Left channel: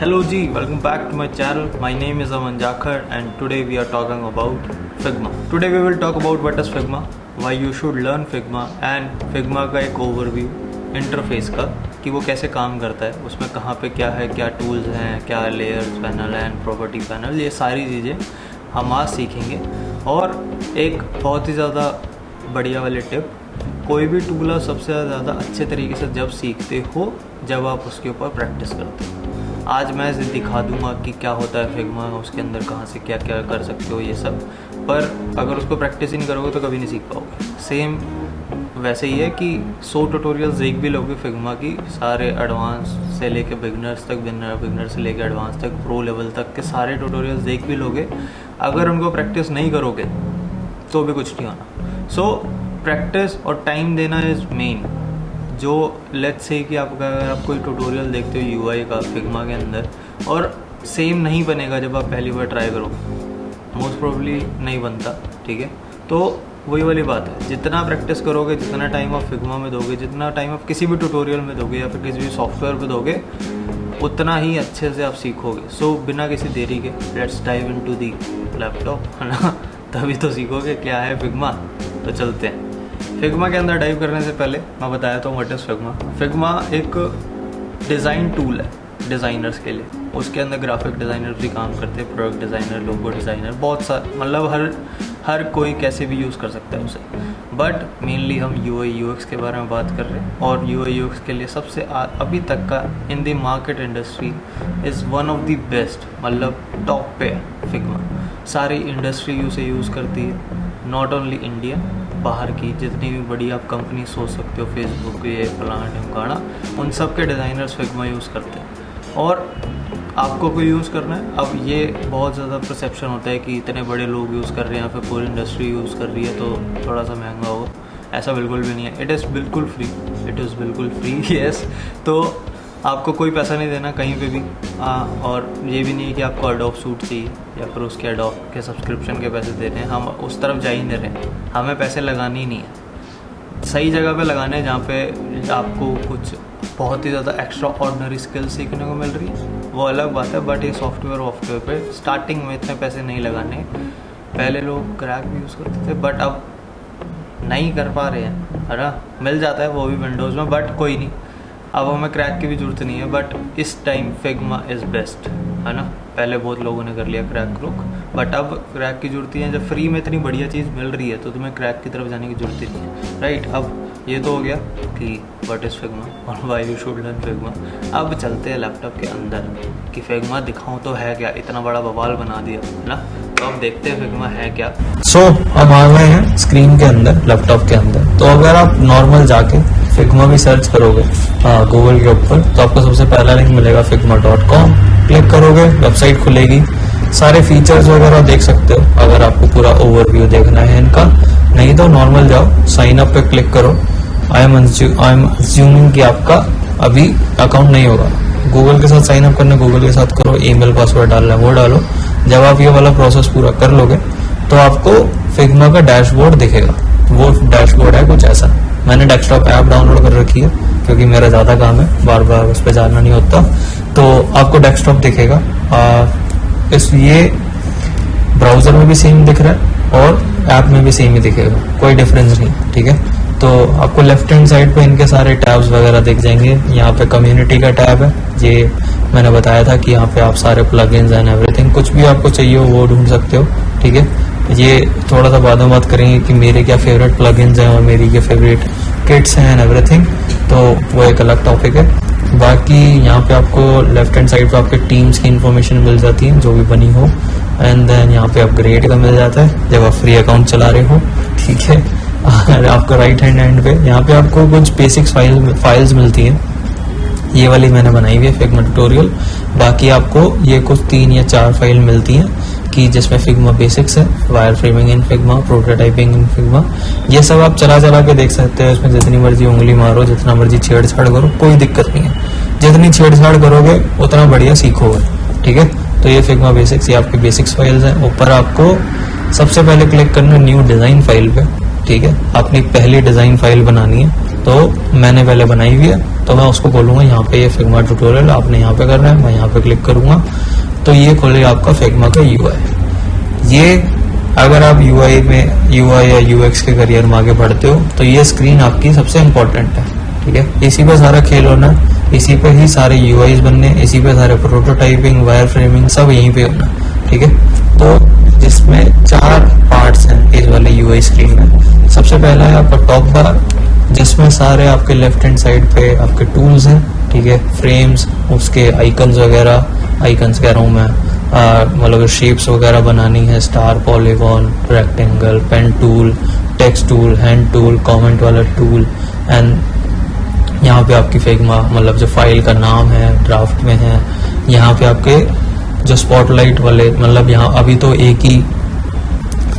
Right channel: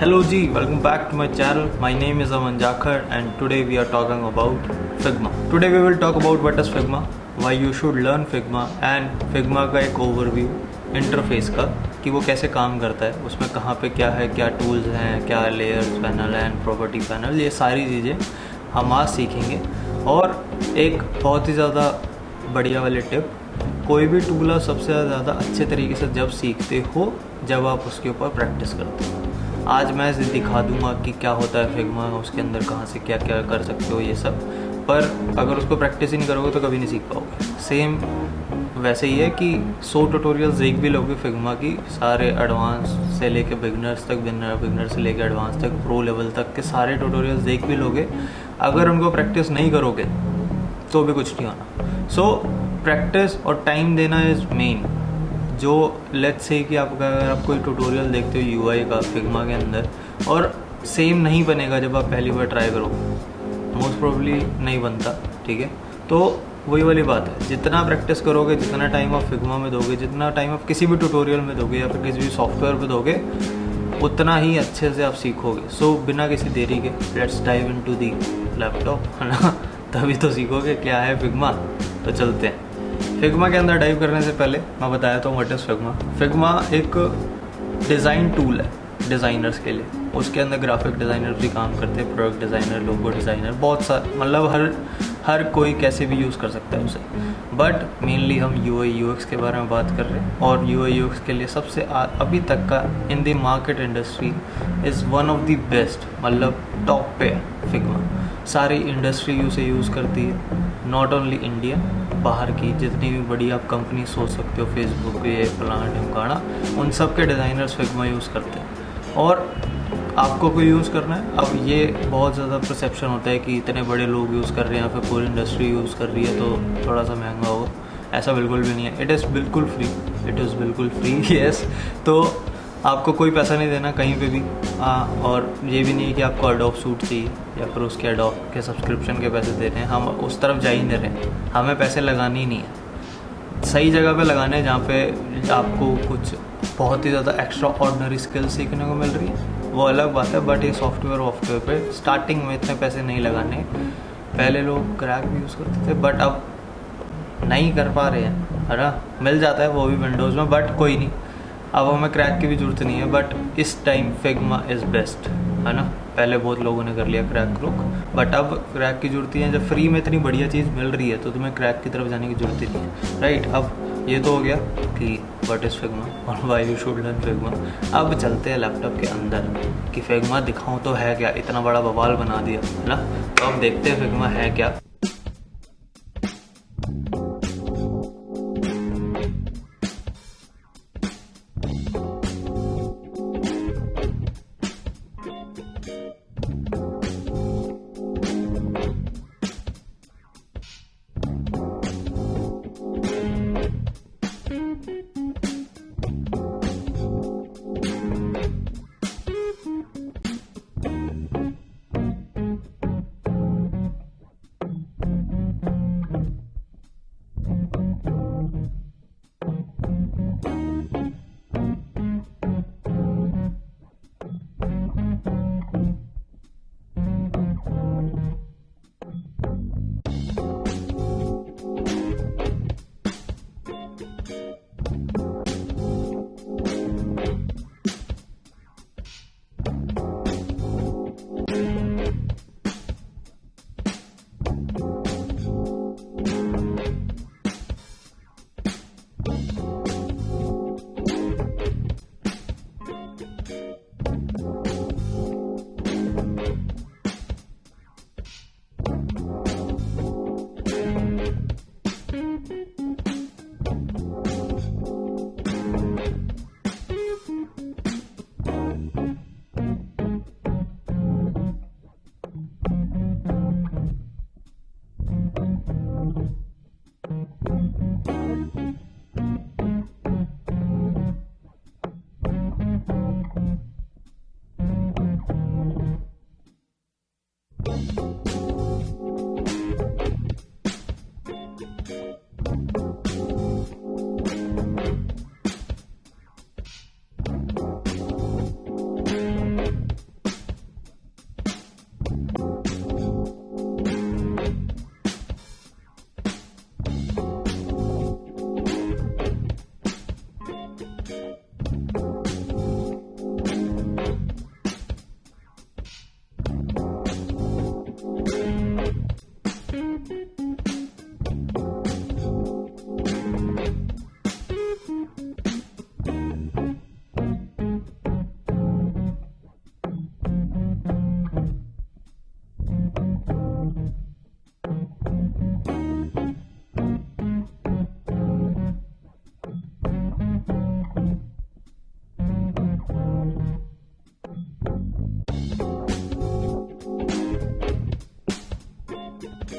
Hello G, welcome back to my channel. My name is Aman Jakhar and today we are talking about Figma. Today we will talk about what is Figma, why you should learn Figma and Figma का एक overview interface का कि वो कैसे काम करता है, उसमें कहाँ पे क्या है, क्या टूल्स हैं, क्या layers panel and property panel, ये सारी चीज़ें हम आज सीखेंगे। और एक बहुत ही ज़्यादा बढ़िया वाली टिप, कोई भी टूल आप सबसे ज़्यादा अच्छे तरीके से जब सीखते हो जब आप उसके ऊपर प्रैक्टिस करते हो। आज मैं इसे दिखा दूंगा कि क्या होता है फिग्मा, उसके अंदर कहाँ से क्या क्या कर सकते हो ये सब, पर अगर उसको प्रैक्टिस ही नहीं करोगे तो कभी नहीं सीख पाओगे। सेम वैसे ही है कि 100 ट्यूटोरियल्स देख भी लोगे फिग्मा की, सारे एडवांस से लेके बिगनर्स तक, बिगनर से लेके एडवांस तक, प्रो लेवल तक के सारे ट्यूटोरियल्स देख भी लोगे, अगर उनको प्रैक्टिस नहीं करोगे तो भी कुछ नहीं होना। सो प्रैक्टिस और टाइम देना इज़ मेन। जो लेट्स से कि अगर आप कोई ट्यूटोरियल देखते हो यूआई का फिग्मा के अंदर और सेम नहीं बनेगा जब आप पहली बार ट्राई करोगे, मोस्ट प्रोबेबली नहीं बनता, ठीक है। तो वही वाली बात है, जितना प्रैक्टिस करोगे, जितना टाइम आप फिग्मा में दोगे, जितना टाइम आप किसी भी ट्यूटोरियल में दोगे या फिर किसी भी सॉफ्टवेयर पे दोगे, उतना ही अच्छे से आप सीखोगे। सो बिना किसी देरी के let's dive into the laptop, है ना, तभी तो सीखोगे क्या है फिग्मा। तो चलते हैं। फिग्मा के अंदर डाइव करने से पहले मैं बताया तो व्हाट इज़ फिग्मा। फिग्मा एक डिज़ाइन टूल है डिज़ाइनर्स के लिए। उसके अंदर ग्राफिक डिज़ाइनर भी काम करते हैं, प्रोडक्ट डिज़ाइनर, लोगो डिज़ाइनर, बहुत सारे, मतलब हर कोई कैसे भी यूज़ कर सकता है उसे। बट मेनली हम यूआई यूएक्स के बारे में बात कर रहे हैं, और यूआई यूएक्स के लिए सबसे अभी तक का in the market industry is one of the best, मतलब टॉप पे है फिग्मा। सारी इंडस्ट्री उसे यूज़ करती है, नॉट ओनली इंडिया, बाहर की जितनी भी बड़ी आप कंपनी सोच सकते हो, फेसबुक, ये फलाना ढिमकाना, उन सब के डिज़ाइनर्स फिग्मा यूज़ करते हैं। और आपको कोई यूज़ करना है, अब ये बहुत ज़्यादा परसेप्शन होता है कि इतने बड़े लोग यूज़ कर रहे हैं या फिर पूरी इंडस्ट्री यूज़ कर रही है तो थोड़ा सा महंगा होगा। ऐसा बिल्कुल भी नहीं है, इट इज़ बिल्कुल फ्री, इट इज़ बिल्कुल फ्री, यस। तो आपको कोई पैसा नहीं देना कहीं पे भी, और ये भी नहीं है कि आपको एडोब सूट चाहिए या फिर उसके एडोब के सब्सक्रिप्शन के पैसे दे रहे हैं। हम उस तरफ जा ही नहीं रहे हैं, हमें पैसे लगाने ही नहीं है। सही जगह पे लगाने हैं जहाँ पे आपको कुछ बहुत ही ज़्यादा एक्स्ट्रा ऑर्डिनरी स्किल्स सीखने को मिल रही है, वो अलग बात है। बट ये सॉफ्टवेयर पे स्टार्टिंग में इतने पैसे नहीं लगाने। पहले लोग क्रैक भी यूज़ करते थे बट अब नहीं कर पा रहे हैं, है ना। मिल जाता है वो भी विंडोज़ में, बट कोई नहीं, अब हमें क्रैक की भी ज़रूरत नहीं है। बट इस टाइम फिग्मा इज़ बेस्ट, है ना। पहले बहुत लोगों ने कर लिया क्रैक क्रुक, बट अब क्रैक की ज़रूरत ही है। जब फ्री में इतनी बढ़िया चीज़ मिल रही है तो तुम्हें क्रैक की तरफ जाने की ज़रूरत ही नहीं है, राइट। अब ये तो हो गया कि व्हाट इज़ फिग्मा और why you should learn Figma. अब चलते हैं लैपटॉप के अंदर कि फिग्मा दिखाऊं तो है क्या, इतना बड़ा बवाल बना दिया, है ना। तो अब देखते हैं फिग्मा है क्या। सो हम आ गए हैं स्क्रीन के अंदर, लैपटॉप के अंदर। तो अगर आप नॉर्मल जाके फिग्मा भी सर्च करोगे गूगल के ऊपर, तो आपको सबसे पहला लिंक मिलेगा figma.com। क्लिक करोगे, वेबसाइट खुलेगी, सारे फीचर्स वगैरह देख सकते हो अगर आपको पूरा ओवरव्यू देखना है इनका। नहीं तो नॉर्मल जाओ, साइन अप पे क्लिक करो। आई एम अज्यूमिंग कि आपका अभी अकाउंट नहीं होगा। गूगल के साथ साइन अप करना, गूगल के साथ करो, ईमेल पासवर्ड डालना है वो डालो। जब आप ये वाला प्रोसेस पूरा कर लोगे तो आपको फिग्मा का डैशबोर्ड दिखेगा। वो डैशबोर्ड है कुछ ऐसा। मैंने डेस्कटॉप ऐप डाउनलोड कर रखी है क्योंकि मेरा ज़्यादा काम है, बार बार उस पर जाना नहीं होता। तो आपको डेस्कटॉप दिखेगा, ये ब्राउजर में भी सेम दिख रहा है और ऐप में भी सेम ही दिखेगा, कोई डिफरेंस नहीं, ठीक है। तो आपको लेफ्ट हैंड साइड पे इनके सारे टैब्स वगैरह दिख जाएंगे। यहाँ पे कम्युनिटी का टैब है, ये मैंने बताया था कि यहाँ पे आप सारे प्लगइन्स एंड एवरीथिंग, कुछ भी आपको चाहिए हो वो ढूंढ सकते हो, ठीक है। ये थोड़ा सा बाद में बात करेंगे कि मेरे क्या फेवरेट प्लगइन्स हैं और मेरी क्या फेवरेट किट्स हैं एंड एवरीथिंग, तो वो एक अलग टॉपिक है। बाकी यहाँ पे आपको लेफ्ट हैंड साइड पे आपके टीम्स की इन्फॉर्मेशन मिल जाती है जो भी बनी हो, एंड देन यहाँ पे अपग्रेड का मिल जाता है जब आप फ्री अकाउंट चला रहे हो, ठीक है। आपको राइट हैंड एंड पे यहाँ पे आपको कुछ बेसिक्स फाइल्स मिलती हैं, ये वाली मैंने बनाई हुई है फिग्मा ट्यूटोरियल। बाकी आपको ये कुछ 3 या 4 फाइल मिलती हैं कि जिसमें फिग्मा बेसिक्स है, वायर फ्रेमिंग इन फिग्मा, प्रोटोटाइपिंग इन फिग्मा, ये सब आप चला के देख सकते हो। इसमें जितनी मर्जी उंगली मारो, जितना मर्जी छेड़छाड़ करो, कोई दिक्कत नहीं है। जितनी छेड़छाड़ करोगे उतना बढ़िया सीखोगे, ठीक है। तो ये फिग्मा बेसिक्स, ये आपकी बेसिक्स फाइल्स हैं। ऊपर आपको सबसे पहले क्लिक करना न्यू डिज़ाइन फाइल पे, ठीक है, अपनी पहली डिजाइन फाइल बनानी है, तो मैंने पहले बनाई हुई है, तो मैं उसको बोलूंगा यहाँ पे ये फिग्मा ट्यूटोरियल आपने यहाँ पे करना है, मैं यहाँ पे क्लिक करूंगा तो ये खोलेगा आपका फिग्मा का UI। ये अगर आप UI या UX के करियर में आगे बढ़ते हो तो ये स्क्रीन आपकी सबसे इम्पोर्टेंट है, ठीक है। इसी पे सारा खेल होना है, इसी पे ही सारे UIs बनने, इसी पे सारे प्रोटोटाइपिंग, वायर फ्रेमिंग सब यहीं पे होना, ठीक है। तो जिसमें 4 पार्ट्स हैं इस वाले UI स्क्रीन में। सबसे पहला है आपका टॉप बार, जिसमें सारे आपके लेफ्ट हैंड साइड पे आपके टूल्स हैं, ठीक है, फ्रेम्स, उसके आइकन्स वगैरह, आइकन्स कह रहा हूँ मैं, मतलब शेप्स वगैरह बनानी है, star, polygon, rectangle, pen tool, text tool, hand tool, comment वाला टूल, एंड यहाँ पे आपकी फिग्मा मतलब जो फाइल का नाम है ड्राफ्ट में है। यहाँ पे आपके जो स्पॉटलाइट वाले, मतलब यहाँ अभी तो एक ही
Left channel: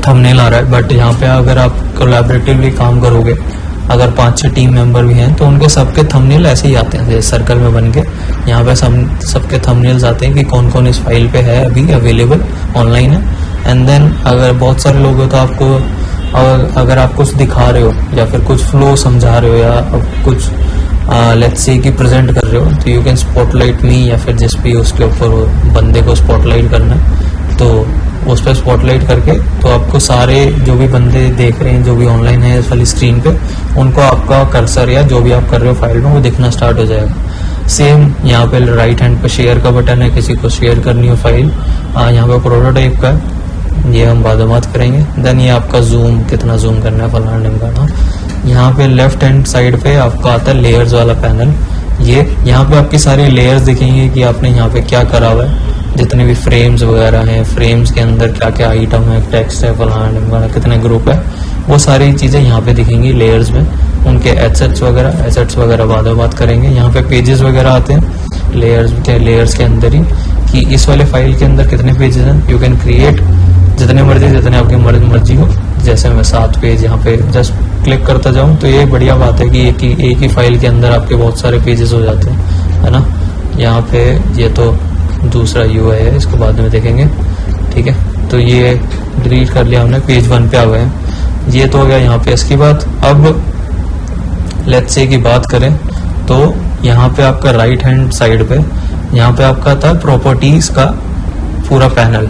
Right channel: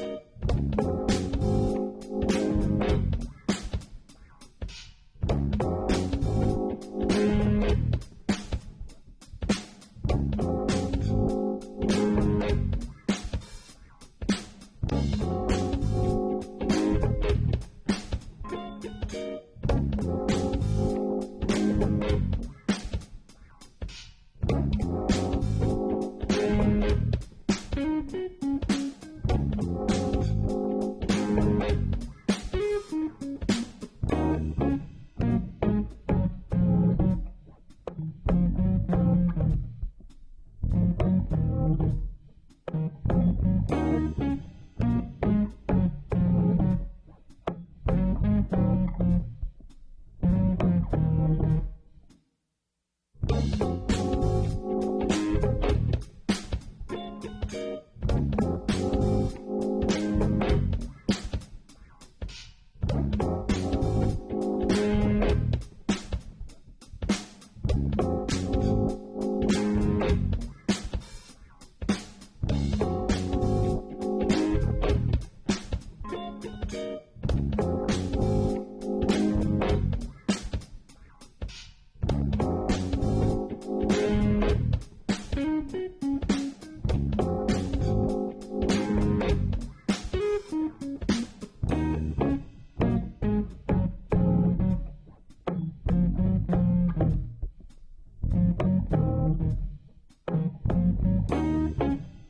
थंबनेल आ रहा है, बट यहाँ पे अगर आप कोलैबोरेटिवली काम करोगे, अगर 5-6 टीम मेंबर भी हैं तो उनके सबके थंबनेल ऐसे ही आते हैं, जैसे सर्कल में बन के यहाँ पे सबके थंबनेल्स आते हैं कि कौन कौन इस फाइल पे है, अभी अवेलेबल ऑनलाइन है। एंड देन अगर बहुत सारे लोग हो तो आपको अगर आप कुछ दिखा रहे हो या फिर कुछ फ्लो समझा रहे हो या कुछ लेट्स से कि प्रेजेंट कर रहे हो, तो यू कैन स्पॉटलाइट मी, या फिर जिस भी उसके ऊपर बंदे को स्पॉटलाइट करना है तो उस पर स्पॉटलाइट करके तो आपको सारे जो भी बंदे देख रहे हैं, जो भी ऑनलाइन है इस वाली स्क्रीन पे, उनको आपका कर्सर या जो भी आप कर रहे हो फाइल में वो दिखना स्टार्ट हो जाएगा। सेम यहाँ पे राइट हैंड पे शेयर का बटन है, किसी को शेयर करनी हो फाइल, यहाँ पे प्रोटोटाइप का है, ये हम बाद में बात करेंगे। देन ये आपका जूम, कितना जूम करना है फलाना ढिमकाना। यहाँ पे लेफ्ट हैंड साइड पे आपका आता है लेयर्स वाला पैनल। ये यहाँ पे आपकी सारी लेयर्स दिखेंगे कि आपने यहाँ पे क्या करा हुआ है, जितने भी फ्रेम्स वगैरह हैं, फ्रेम्स के अंदर क्या क्या आइटम है, टेक्स्ट है, फलाना ढिमकाना, कितने ग्रुप है, वो सारी चीज़ें यहाँ पे दिखेंगी लेयर्स में। उनके एसेट्स वगैरह बाद में बात करेंगे। यहाँ पे पेजेस वगैरह आते हैं लेयर्स के अंदर ही, कि इस वाले फाइल के अंदर कितने पेजेस हैं। यू कैन क्रिएट जितने मर्जी, जितने आपकी मर्जी हो। जैसे मैं 7 पेज यहाँ पे जस्ट क्लिक करता जाऊँ तो ये बढ़िया बात है कि एक ही फाइल के अंदर आपके बहुत सारे पेजेस हो जाते हैं, है ना। यहाँ पे ये तो दूसरा UI है, इसको बाद में देखेंगे, ठीक है। तो ये डिलीट कर लिया हमने, पेज 1 पे आ गए हैं। ये तो हो गया यहाँ पे। इसके बाद अब लेट्स से की बात करें तो यहाँ पे आपका राइट हैंड साइड पे यहाँ पे आपका था प्रॉपर्टीज का पूरा पैनल।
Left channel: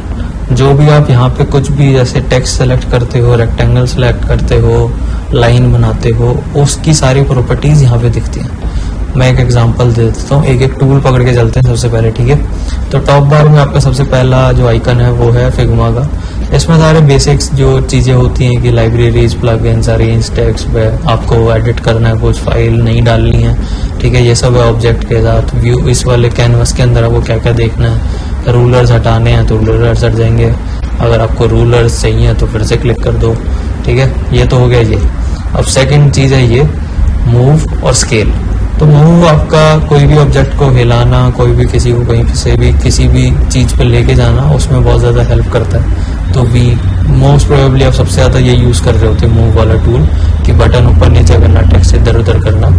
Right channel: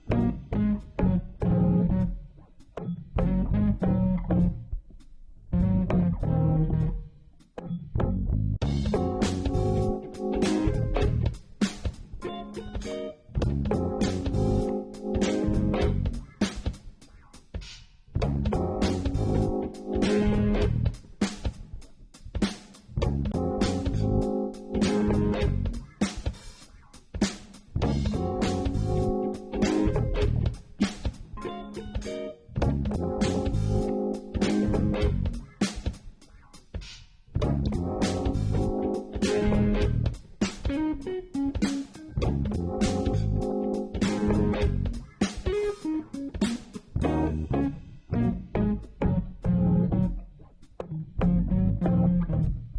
जो भी आप यहाँ पे कुछ भी जैसे टेक्स्ट सेलेक्ट करते हो, रेक्टेंगल सेलेक्ट करते हो, लाइन बनाते हो, उसकी सारी प्रॉपर्टीज यहाँ पे दिखती हैं। मैं एक एग्जांपल दे देता हूँ, एक टूल पकड़ के चलते हैं सबसे पहले, ठीक है। तो टॉप बार में आपका सबसे पहला जो आइकन है वो है फिग्मा का। इसमें सारे बेसिक्स जो चीज़ें होती हैं कि लाइब्रेरीज, प्लगइन्स, अरेंज टेक्स्ट पे आपको एडिट करना है, कुछ फाइल नहीं डालनी है, ठीक है। ये सब है ऑब्जेक्ट के साथ। व्यू, इस वाले कैनवस के अंदर आपको क्या क्या देखना है। रूलर्स हटाने हैं तो रूलर्स हट जाएंगे, अगर आपको रूलर्स चाहिए तो फिर से क्लिक कर दो, ठीक है। ये तो हो गया ये। अब सेकंड चीज़ है ये मूव और स्केल। तो मूव आपका कोई भी ऑब्जेक्ट को हिलाना, कोई भी किसी को कहीं से भी किसी भी चीज़ पे लेके जाना, उसमें बहुत ज़्यादा हेल्प करता है। तो भी मोस्ट प्रोबेबली आप सबसे ज़्यादा ये यूज़ कर रहे होते हैं मूव वाला टूल, कि बटन ऊपर नीचे करना, टेक्स्ट इधर उधर करना,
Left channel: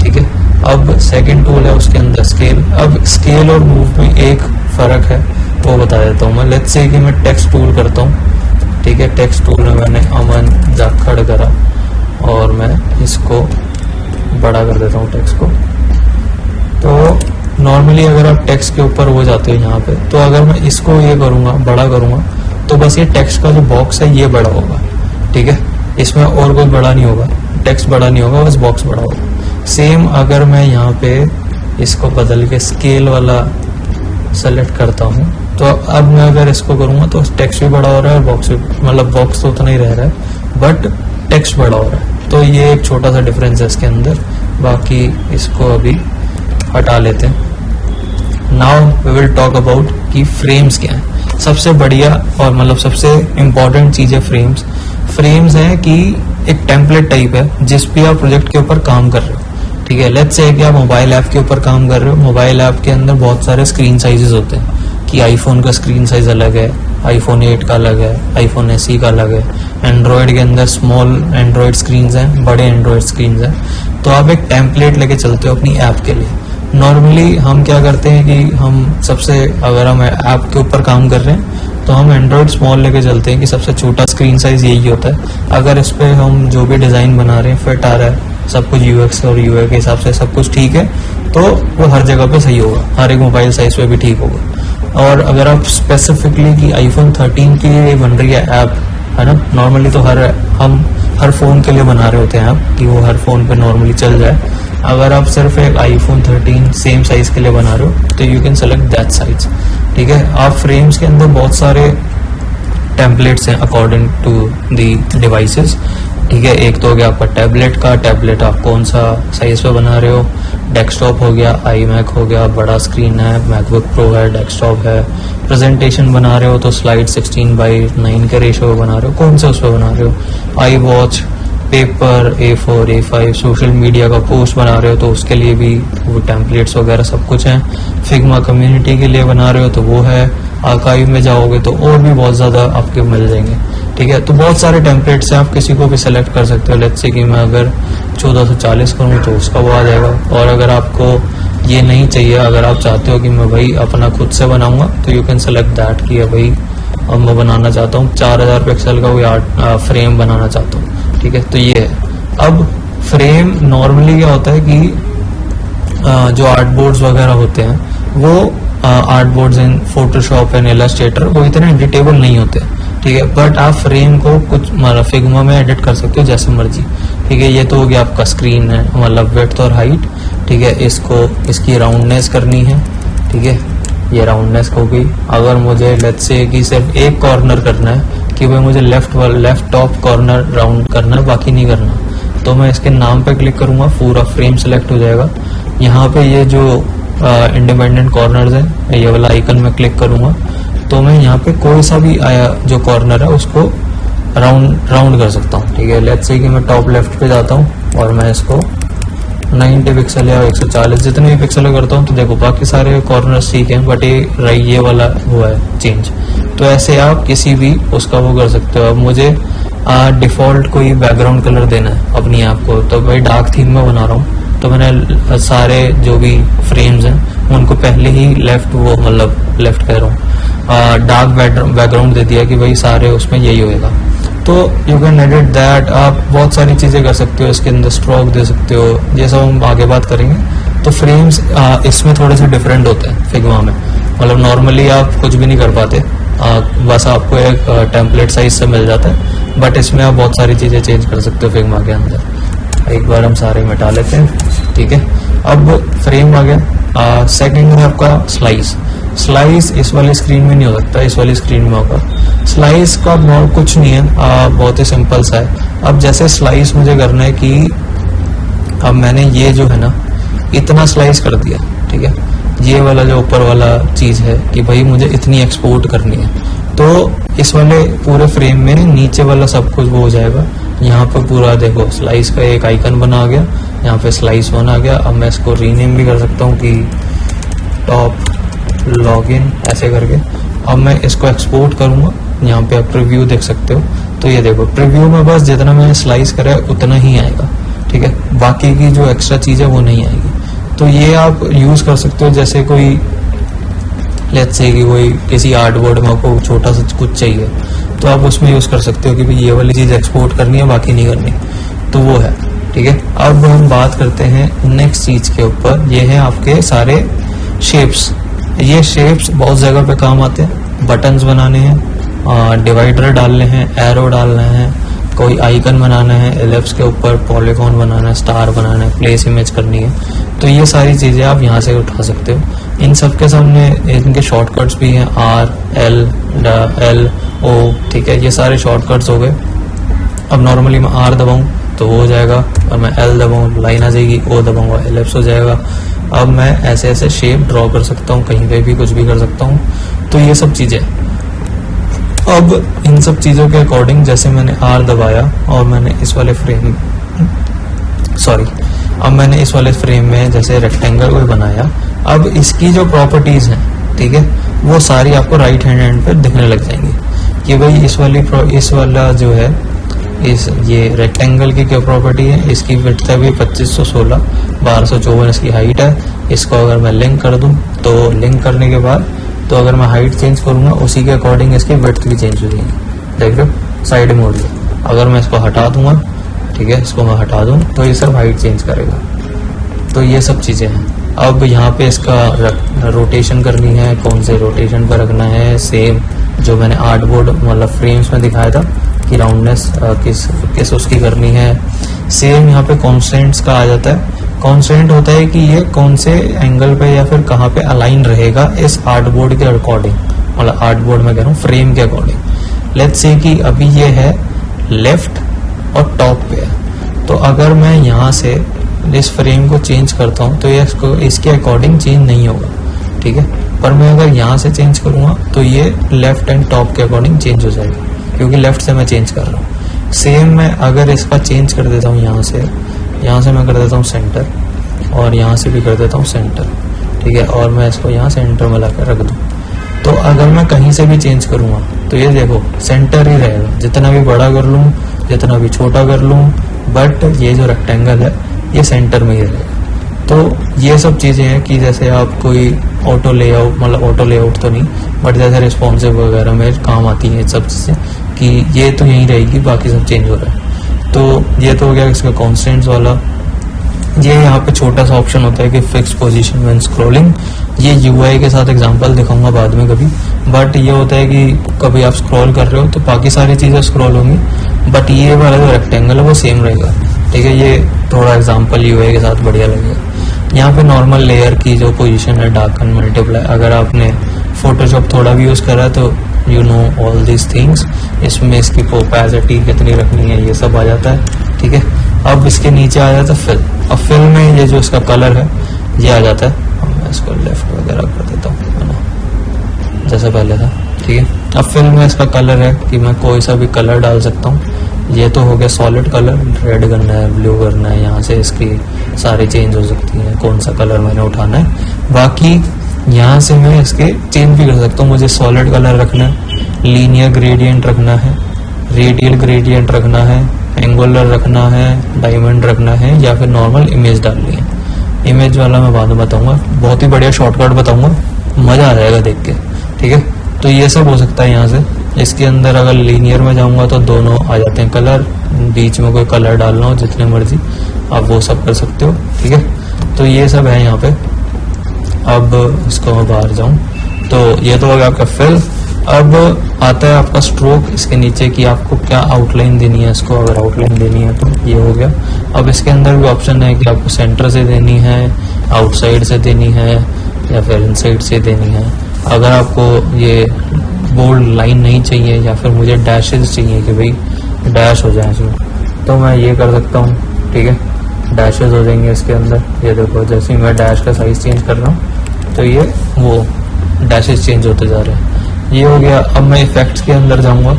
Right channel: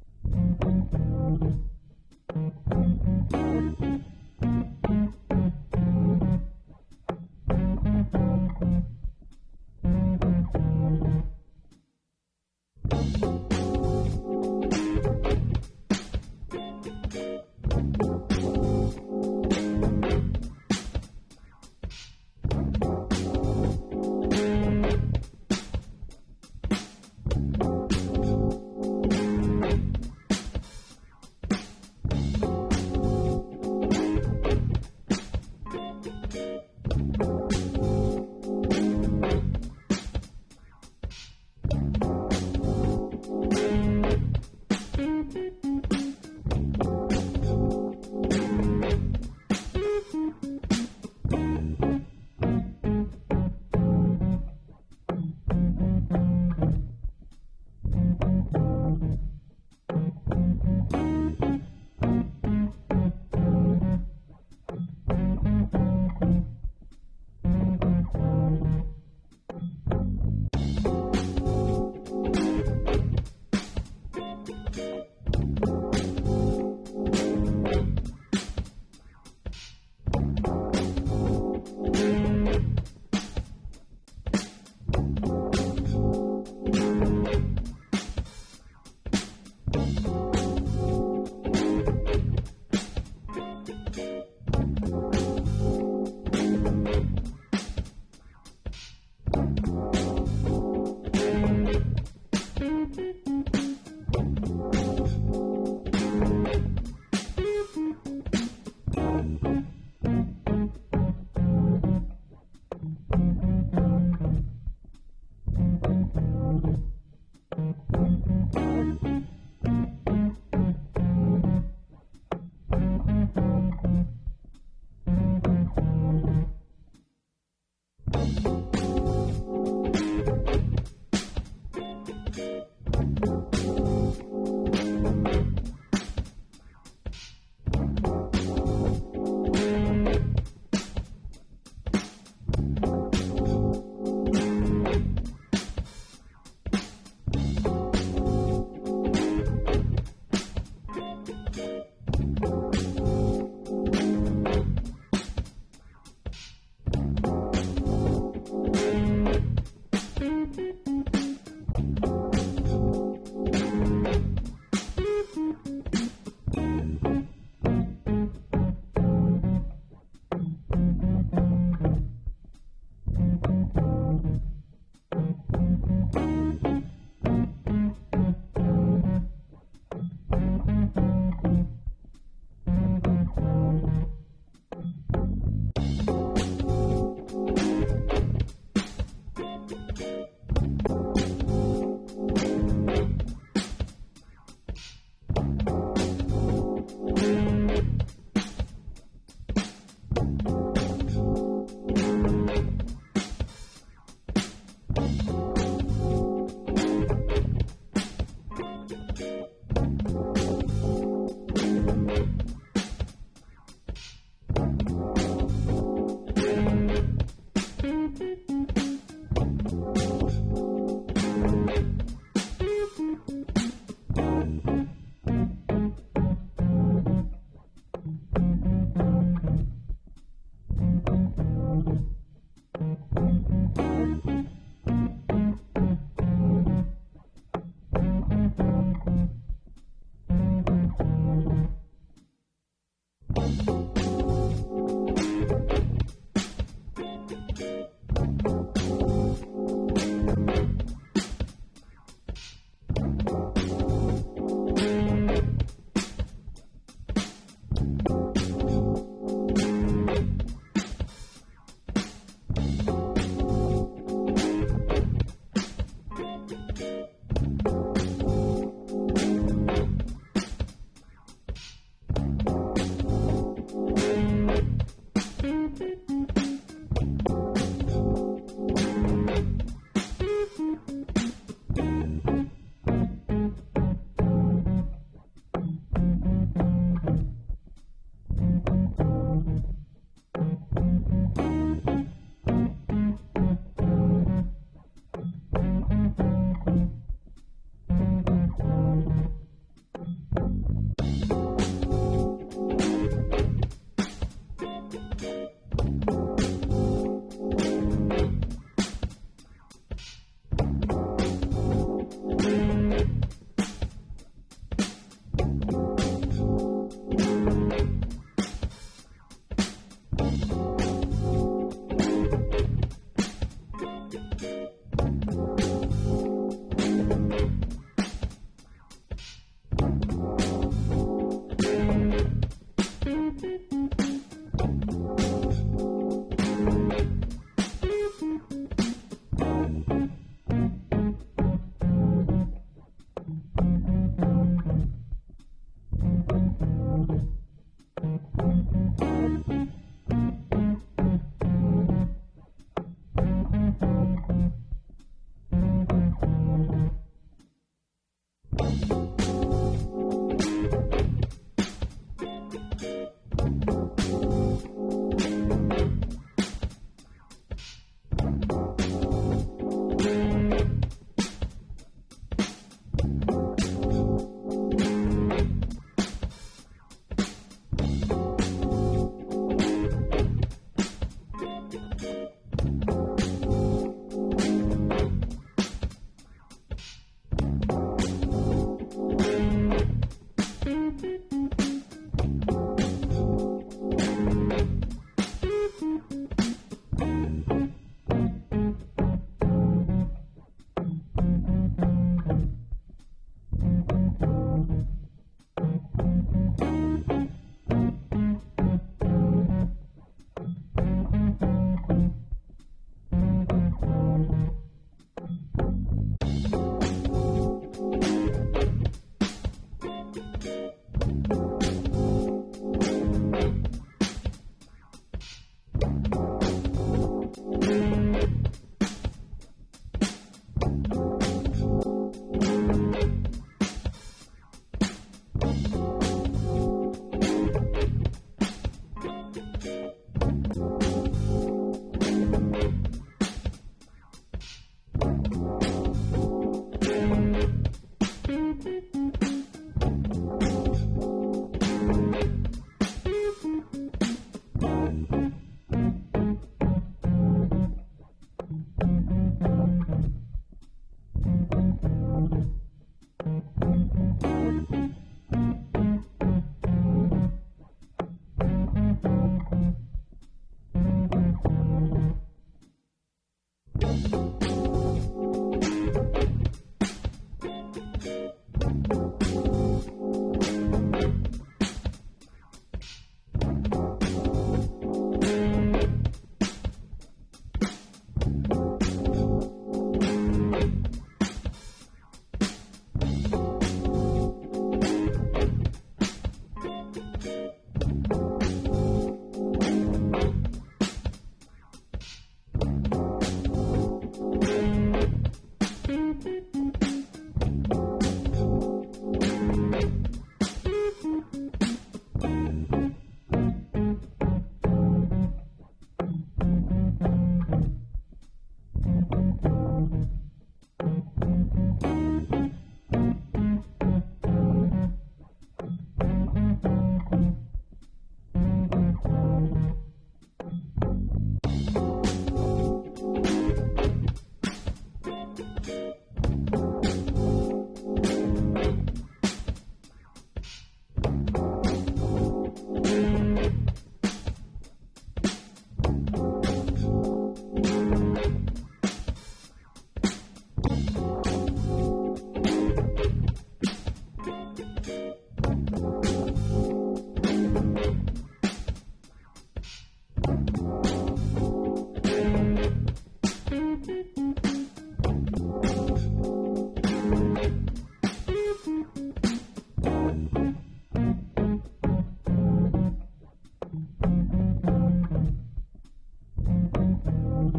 ठीक है। अब सेकंड टूल है उसके अंदर स्केल। अब स्केल और मूव में एक फ़र्क है, वो बता देता हूँ मैं। लेट्स से कि मैं टेक्स्ट टूल करता हूँ, ठीक है। टेक्स्ट टूल में मैंने अमन जाखड़ करा और मैं इसको बड़ा कर देता हूँ टेक्स्ट को। तो नॉर्मली अगर आप टेक्स्ट के ऊपर हो जाते हो यहाँ पे, तो अगर मैं इसको ये करूँगा, बड़ा करूँगा, तो बस ये टेक्स्ट का जो बॉक्स है ये बड़ा होगा, ठीक है। इसमें और कुछ बड़ा नहीं होगा, टेक्स्ट बड़ा नहीं होगा, बस बॉक्स बड़ा होगा। सेम अगर मैं यहाँ पे इसको बदल के स्केल वाला सेलेक्ट करता हूँ, तो अब मैं अगर इसको करूँगा तो टेक्स्ट भी बड़ा हो रहा है और बॉक्स भी, मतलब बॉक्स तो उतना ही रह रहा है बट टेक्स्ट बड़ा हो रहा है। तो ये एक छोटा सा डिफरेंस है इसके अंदर। बाकी इसको अभी हटा लेते हैं। Now we will talk about कि फ्रेम्स क्या है। सबसे बढ़िया और मतलब सबसे इम्पोर्टेंट चीज़ है फ्रेम्स। फ्रेम्स है कि एक टेम्पलेट टाइप है जिस पे आप प्रोजेक्ट के ऊपर काम कर रहे हो, ठीक है। लेट्स से कि आप मोबाइल ऐप के ऊपर काम कर रहे हो। मोबाइल ऐप के अंदर बहुत सारे स्क्रीन साइजेस होते हैं कि आईफोन का स्क्रीन साइज अलग है, आईफोन 8 का अलग है, आईफोन SE का अलग है। एंड्रॉयड के अंदर स्मॉल एंड्रॉयड स्क्रीन हैं, बड़े एंड्रॉयड स्क्रीन हैं। तो आप एक टेम्पलेट लेके चलते हो अपनी ऐप के लिए। नॉर्मली हम क्या करते हैं कि हम सबसे, अगर हम ऐप के ऊपर काम कर रहे हैं तो हम एंड्रॉयड स्मॉल लेके चलते हैं कि सबसे छोटा स्क्रीन साइज यही होता है। अगर इस पे हम जो भी डिज़ाइन बना रहे हैं फिट आ रहा है, सब कुछ यूएक्स और यूआई के हिसाब से सब कुछ ठीक है, तो वो हर जगह पे सही होगा, हर एक मोबाइल साइज पे भी ठीक होगा। और अगर आप स्पेसिफिकली कि आईफोन 13 के लिए बन रही है ऐप, है ना, नॉर्मली तो हम हर फ़ोन के लिए बना रहे होते हैं ऐप कि वो हर फ़ोन पे नॉर्मली चल जाए। अगर आप सिर्फ एक आईफोन 13 सेम साइज़ के लिए बना रहे हो तो you can select that size, ठीक है। आप फ्रेम्स के अंदर बहुत सारे टेम्पलेट्स हैं अकॉर्डिंग टू दी डिवाइसेस, ठीक है। एक तो हो गया आपका टैबलेट का, टैबलेट आप कौन सा साइज पे बना रहे हो, डेस्कटॉप हो गया, iMac हो गया, बड़ा स्क्रीन है, मैकबुक प्रो है, डेस्कटॉप है, प्रेजेंटेशन बना रहे हो तो स्लाइड 16:9 के रेशो पे बना रहे हो, कौन सा उस पर बना रहे हो, I watch, paper, A4, A5, social media का पोस्ट बना रहे हो तो उसके लिए भी वो टेम्पलेट्स वगैरह सब कुछ हैं। फिग्मा कम्युनिटी के लिए बना रहे हो तो वो है, आर्काइव में जाओगे तो और भी बहुत ज़्यादा आपके मिल जाएंगे, ठीक है। तो बहुत सारे टेम्पलेट्स हैं, आप किसी को भी सेलेक्ट कर सकते हो। लेट्स से कि मैं अगर 1440 करूँ तो उसका वो आ जाएगा। और अगर आपको ये नहीं चाहिए, अगर आप चाहते हो कि मैं भाई अपना खुद से बनाऊंगा तो यू कैन सेलेक्ट दैट कि भाई अब मैं बनाना चाहता हूँ 4000 पिक्सल का कोई फ्रेम बनाना चाहता हूँ, ठीक है। तो ये है। अब फ्रेम नॉर्मली क्या होता है कि जो आर्ट बोर्ड्स वगैरह होते हैं वो art boards in Photoshop and Illustrator वो इतने एडिटेबल नहीं होते, ठीक है। बट आप फ्रेम को कुछ फिग्मा में एडिट कर सकते हो जैसे मर्जी, ठीक है। ये तो हो गया आपका स्क्रीन है, मतलब विड्थ और हाइट, ठीक है। इसकी राउंडनेस करनी है, ठीक है, ये राउंडनेस हो गई। अगर मुझे लेट्स से कि सिर्फ एक कॉर्नर करना है कि भाई मुझे लेफ्ट टॉप कॉर्नर राउंड करना है, बाकी नहीं करना, तो मैं इसके नाम पे क्लिक करूंगा, पूरा फ्रेम सेलेक्ट हो जाएगा। यहाँ पे ये जो इंडिपेंडेंट कॉर्नर्स है ये वाला आइकन में क्लिक करूंगा तो मैं यहाँ पे कोई सा भी जो कॉर्नर है उसको राउंड कर सकता हूँ, ठीक है। लेट्स से कि मैं टॉप लेफ्ट पे जाता हूँ और मैं इसको 90 पिक्सल या 140 जितने भी पिक्सल करता हूँ तो देखो बाकी सारे कॉर्नर्स ठीक हैं, बट ये वाला हुआ है चेंज। तो ऐसे आप किसी भी उसका वो कर सकते हो। अब मुझे डिफॉल्ट कोई बैकग्राउंड कलर देना है अपनी ऐप को, तो भाई डार्क थीम में बना रहा हूँ तो मैंने सारे जो भी फ्रेम्स हैं उनको पहले ही लेफ्ट कह रहा हूँ डार्क बैकग्राउंड दे दिया कि भाई सारे उसमें यही होएगा। तो यू कैन एडिट दैट। आप बहुत सारी चीज़ें कर सकते हो, इसके अंदर स्ट्रोक दे सकते हो, ये सब हम आगे बात करेंगे। तो फ्रेम्स इसमें थोड़े से डिफरेंट होते हैं फिग्मा में, मतलब नॉर्मली आप कुछ भी नहीं कर पाते, बस आपको एक टेम्पलेट साइज से मिल जाता है, बट इसमें आप बहुत सारी चीज़ें चेंज कर सकते हो फिग्मा के अंदर। एक बार हम सारे मिटा लेते हैं, ठीक है। अब फ्रेम आ गया। सेकंड है आपका स्लाइस इस वाली स्क्रीन में नहीं हो सकता, इस वाली स्क्रीन में होगा। स्लाइस का कुछ नहीं है, बहुत ही सिंपल सा है। अब जैसे स्लाइस मुझे करना है कि अब मैंने ये जो है ना इतना स्लाइस कर दिया, ठीक है। ये वाला जो ऊपर वाला चीज़ है कि भाई मुझे इतनी एक्सपोर्ट करनी है, तो इस वाले पूरे फ्रेम में नीचे वाला सब कुछ वो हो जाएगा। यहाँ पर पूरा देखो स्लाइस का एक आइकन बना आ गया, यहाँ पे स्लाइस 1 आ गया। अब मैं इसको रीनेम भी कर सकता हूँ कि टॉप लॉगिन ऐसे करके। अब मैं इसको एक्सपोर्ट करूँगा, यहाँ पे आप प्रीव्यू देख सकते हो। तो ये देखो प्रीव्यू में बस जितना मैंने स्लाइस करा है उतना ही आएगा, ठीक है। बाकी की जो एक्स्ट्रा चीज़ है वो नहीं आएगी। तो ये आप यूज़ कर सकते हो, जैसे कोई लेट्स से कि कोई किसी आर्ट बोर्ड में आपको छोटा सा कुछ चाहिए तो आप उसमें यूज़ कर सकते हो कि भाई ये वाली चीज़ एक्सपोर्ट करनी है बाकी नहीं करनी, तो वो है, ठीक है। अब हम बात करते हैं नेक्स्ट चीज़ के ऊपर। ये है आपके सारे शेप्स। ये शेप्स बहुत जगह पे काम आते हैं, बटन्स बनाने हैं, डिवाइडर डालने हैं, एरो डालना है, कोई आइकन बनाना है, एलिप्स के ऊपर पॉलीगॉन बनाना है, स्टार बनाना है, प्लेस इमेज करनी है। तो ये सारी चीज़ें आप यहाँ से उठा सकते हो। इन सब के सामने इनके शॉर्टकट्स भी हैं, RL O, ठीक है। ये सारे शॉर्टकट्स हो गए। अब नॉर्मली मैं R दबाऊँ तो वो हो जाएगा, और मैं L दबाऊँ लाइन आ जाएगी, O दबाऊँगा एलिप्स हो जाएगा। अब मैं ऐसे ऐसे शेप ड्रॉ कर सकता हूँ, कहीं पे भी कुछ भी कर सकता हूँ। तो ये सब चीज़ें, अब इन सब चीज़ों के अकॉर्डिंग जैसे मैंने R दबाया और मैंने इस वाले फ्रेम में जैसे रेक्टेंगल को ये अब इसकी जो प्रॉपर्टीज़ हैं, ठीक है, वो सारी आपको राइट हैंड पे दिखने लग जाएंगी कि भाई इस वाला जो है ये रेक्टेंगल की क्या प्रॉपर्टी है। इसकी विड्थ है भी 2516, 1254 इसकी हाइट है। इसको अगर मैं लिंक कर दूं तो लिंक करने के बाद तो अगर मैं हाइट चेंज करूंगा उसी के अकॉर्डिंग इसकी विड्थ भी चेंज हो जाएगी। देख रहे हो साइड मोड़ ली। अगर मैं इसको हटा दूंगा, ठीक है, इसको मैं हटा दूं तो ये सब हाइट चेंज करेगा। तो ये सब चीज़ें हैं। अब यहाँ पे इसका रोटेशन करनी है, कौन से रोटेशन पर रखना है, सेम जो मैंने आर्टबोर्ड मतलब फ्रेम्स में दिखाया था कि राउंडनेस किस उसकी करनी है। सेम यहाँ पे कॉन्स्टेंट्स का आ जाता है। कॉन्स्टेंट होता है कि ये कौन से एंगल पे या फिर कहाँ पे अलाइन रहेगा इस आर्टबोर्ड के अकॉर्डिंग, मतलब आर्टबोर्ड में कह रहा हूँ फ्रेम के अकॉर्डिंग। लेट्स से कि अभी ये है लेफ्ट और टॉप पे है, तो अगर मैं यहाँ से इस फ्रेम को चेंज करता हूँ तो ये इसके अकॉर्डिंग चेंज नहीं होगा, ठीक है। पर मैं अगर यहाँ से चेंज करूँगा तो ये लेफ्ट एंड टॉप के अकॉर्डिंग चेंज हो जाएगा, क्योंकि लेफ्ट से मैं चेंज कर रहा हूँ। सेम मैं अगर इसका चेंज कर देता हूँ, यहाँ से मैं कर देता हूँ सेंटर, और यहाँ से भी कर देता हूँ सेंटर, ठीक है, और मैं इसको यहाँ सेंटर में लाकर रख दूँ, तो अगर मैं कहीं से भी चेंज करूँगा तो ये देखो सेंटर ही रहेगा। जितना भी बड़ा कर लूँ, जितना भी छोटा कर लूँ, बट ये जो रेक्टेंगल है ये सेंटर में ही रहेगा। तो ये सब चीज़ें हैं कि जैसे आप कोई ऑटो लेआउट, मतलब ऑटो लेआउट तो नहीं, बट जैसे रिस्पॉन्सिव वगैरह में काम आती हैं सब चीज़ें, कि ये तो यहीं रहेगी, बाकी सब चेंज हो रहा है। तो ये तो हो गया इसका कॉन्स्टेंट्स वाला। ये यहाँ पे छोटा सा ऑप्शन होता है कि फिक्स पोजीशन व्हेन स्क्रॉलिंग। ये यूआई के साथ एग्जांपल दिखाऊंगा बाद में कभी, बट ये होता है कि कभी आप स्क्रॉल कर रहे हो तो बाकी सारी चीज़ें स्क्रॉल होंगी, बट ये वाला जो रेक्टेंगल है वो सेम रहेगा, ठीक है। ये थोड़ा एग्जांपल यूआई के साथ बढ़िया लगेगा। यहाँ पे नॉर्मल लेयर की जो पोजीशन है, डार्कन, मल्टीप्लाई, अगर आपने फोटोशॉप थोड़ा भी यूज़ करा है तो you know all this things. इसमें इसकी ओपेसिटी कितनी रखनी है ये सब आ जाता है, ठीक है। अब इसके नीचे आ जाता है फिल। अब फिल में ये जो इसका कलर है ये आ जाता है। मैं इसको लेफ्ट वगैरह कर देता हूँ जैसा पहले था, ठीक है। अब फिल में इसका कलर है कि मैं कोई सा भी कलर डाल सकता हूँ। ये तो हो गया सॉलिड कलर, रेड करना है, ब्लू करना है, यहाँ से इसकी सारी चेंज हो सकती हैं, कौन सा कलर मैंने उठाना है। बाकी यहाँ से मैं इसके चेंज भी कर सकता हूँ। मुझे सॉलिड कलर रखना है, लीनियर ग्रेडियंट रखना है, रेडियल ग्रेडियंट रखना है, एंगुलर रखना है, डायमंड रखना है, या फिर नॉर्मल इमेज डालनी है। इमेज वाला मैं बाद में बताऊंगा, बहुत ही बढ़िया शॉर्टकट बताऊंगा, मज़ा आ जाएगा देख के, ठीक है। तो ये सब हो सकता है यहाँ से। इसके अंदर अगर लीनियर में जाऊंगा तो दोनों आ जाते हैं कलर, बीच में कोई कलर डालना हो जितने मर्जी आप वो सब कर सकते हो, ठीक है। तो ये सब है यहाँ पे। अब इसको मैं बाहर जाऊँ तो ये तो हो गया आपका फिल। अब आता है आपका स्ट्रोक, इसके नीचे कि आपको क्या आउटलाइन देनी है इसको। अगर आउटलाइन देनी है तो ये हो गया। अब इसके अंदर भी ऑप्शन है कि आपको सेंटर से देनी है, आउटसाइड से देनी है, या फिर इनसाइड से देनी है। अगर आपको ये बोल्ड लाइन नहीं चाहिए या फिर मुझे डैशेस चाहिए कि भाई डैश हो जाए इसमें, तो मैं ये कर सकता हूँ, ठीक है। डैशेस हो जाएंगे इसके अंदर। ये देखो जैसे ही मैं डैश का साइज चेंज कर रहा हूँ तो ये वो डैशेस चेंज होते जा रहे हैं। ये हो गया। अब मैं इफेक्ट्स के अंदर जाऊंगा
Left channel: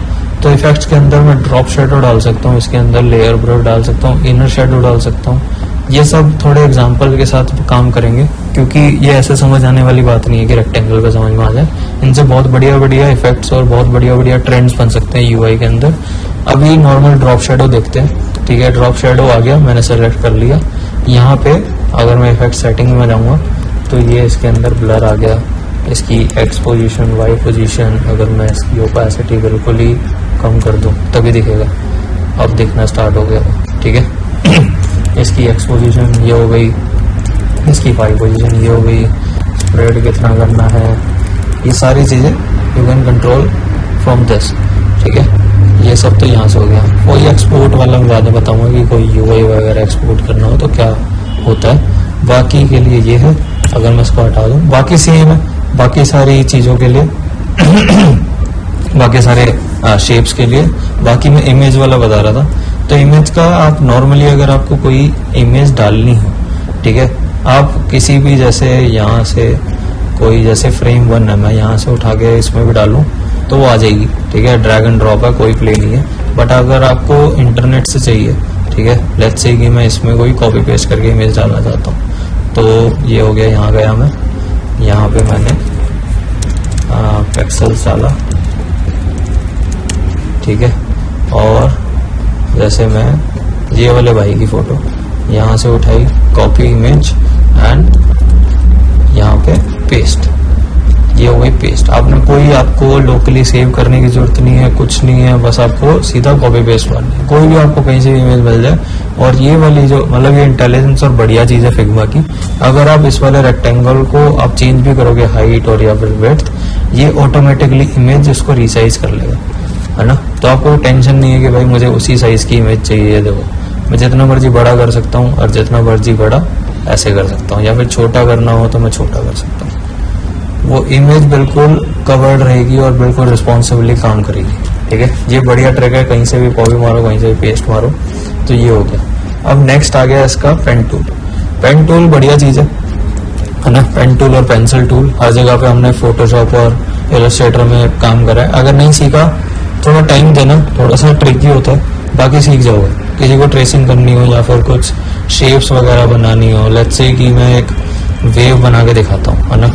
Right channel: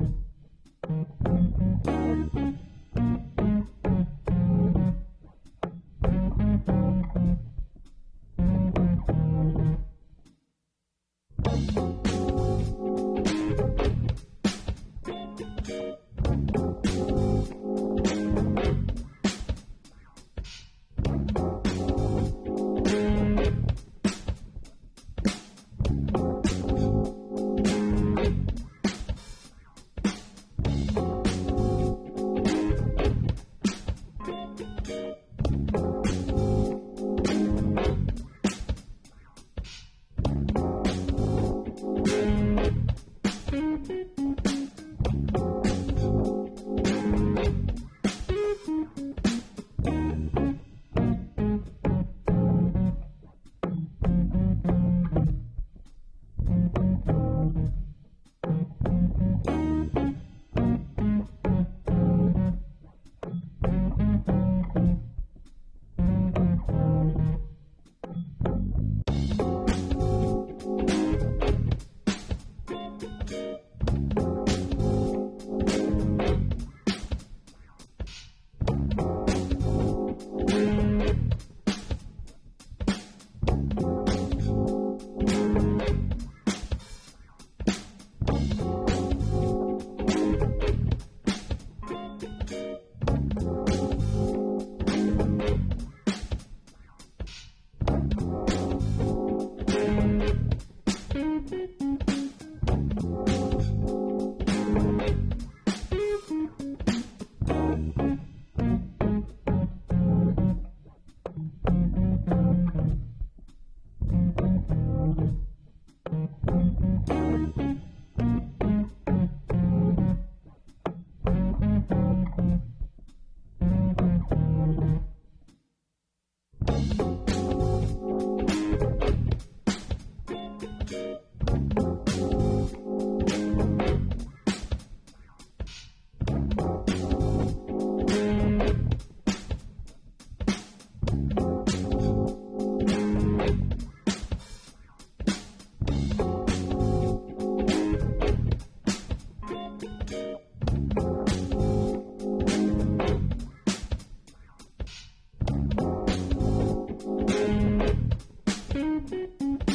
तो इफेक्ट्स के अंदर मैं ड्रॉप शेडो डाल सकता हूँ, इसके अंदर लेयर ब्रो डाल सकता हूँ, इनर शेडो डाल सकता हूँ। ये सब थोड़े एग्जांपल के साथ काम करेंगे, क्योंकि ये ऐसे समझ आने वाली बात नहीं है कि रेक्टेंगल पे समझ में आ जाए। इनसे बहुत बढ़िया बढ़िया इफेक्ट्स और बहुत बढ़िया बढ़िया ट्रेंड्स बन सकते हैं यूआई के अंदर। अभी नॉर्मल ड्रॉप शेडो देखते हैं, ठीक है। ड्रॉप शेडो आ गया, मैंने सेलेक्ट कर लिया। यहाँ पे अगर मैं इफेक्ट सेटिंग में जाऊँगा तो ये इसके अंदर ब्लर आ गया, इसकी एक्स पोजीशन, वाई पोजीशन। अगर मैं इसकी ओपेसिटी बिल्कुल ही कम कर दूं तभी दिखेगा। अब दिखना स्टार्ट हो गया, ठीक है। इसकी एक्स पोजीशन ये हो गई, इसकी वाई पोजीशन ये हो गई, स्प्रेड कितना करना है, ये सारी चीज़ें you can control from this, ठीक है। ये सब तो यहाँ से हो गया। कोई एक्सपोर्ट वाला मैं बाद में बताऊँगा कि कोई यूआई वगैरह एक्सपोर्ट करना हो तो क्या होता है। बाकी के लिए ये है। अगर मैं इसको हटा दूँ बाकी सेम है, बाकी सारी चीज़ों के लिए बाकी सारे शेप्स के लिए। बाकी मैं इमेज वाला बता रहा था। तो इमेज का आप नॉर्मली अगर आपको कोई इमेज डालनी हो, ठीक है, आप किसी भी जैसे यहाँ से कोई जैसे फ्रेम 1 है, मैं यहाँ से उठा के इसमें भी डालूँ तो वो आ जाएगी, ठीक है। ड्रैग एंड ड्रॉप है, कोई प्ले नहीं है। बट अगर आपको इंटरनेट से चाहिए, ठीक है, लेट्स से कि मैं इसमें कोई कॉपी पेस्ट करके इमेज डालना चाहता हूँ, तो ये हो गया। यहाँ गया मैं, यहाँ पे मैंने पिक्सेल्स डाला, ठीक है। और जैसे मैं ये वाले भाई की फोटो यहाँ से उठाई, कॉपी इमेज एंड यहाँ पे पेस्ट, ये हो गई पेस्ट। आपने कोई आपको लोकली सेव करने की जरूरत नहीं है, कुछ नहीं है, बस आपको सीधा कॉपी पेस्ट करना है। कोई भी आपको कहीं से भी इमेज मिल जाए। और ये वाली जो मतलब ये इंटेलिजेंस और बढ़िया चीज है फिग्मा की, अगर आप इस वाले रेक्टेंगल को आप चेंज भी करोगे हाइट और या फिर विड्थ, ये ऑटोमेटिकली इमेज इसको रिसाइज कर लेगा, है ना। तो आपको टेंशन नहीं है कि भाई मुझे उसी साइज की इमेज चाहिए। देखो मैं जितना मर्जी बड़ा कर सकता हूँ और जितना मर्जी बड़ा ऐसे कर सकता हूँ, या फिर छोटा करना हो तो मैं छोटा कर सकता हूँ। वो इमेज बिल्कुल कवर्ड रहेगी और बिल्कुल रिस्पॉन्सिबली काम करेगी, ठीक है। ये बढ़िया ट्रिक है, कहीं से भी कॉपी मारो, कहीं से भी पेस्ट मारो, तो ये हो गया। अब नेक्स्ट आ गया इसका पेन टूल। पेन टूल बढ़िया चीज है ना। पेन टूल और पेंसिल टूल हर जगह पे हमने फोटोशॉप और इलस्ट्रेटर में काम करा है। अगर नहीं सीखा थोड़ा टाइम देना, थोड़ा सा ट्रिकी होता है, बाकी सीख जाओगे। किसी को ट्रेसिंग करनी हो या फिर कुछ शेप्स वगैरह बनानी हो, लेट्स से कि मैं एक वेव बना के दिखाता हूँ, है ना।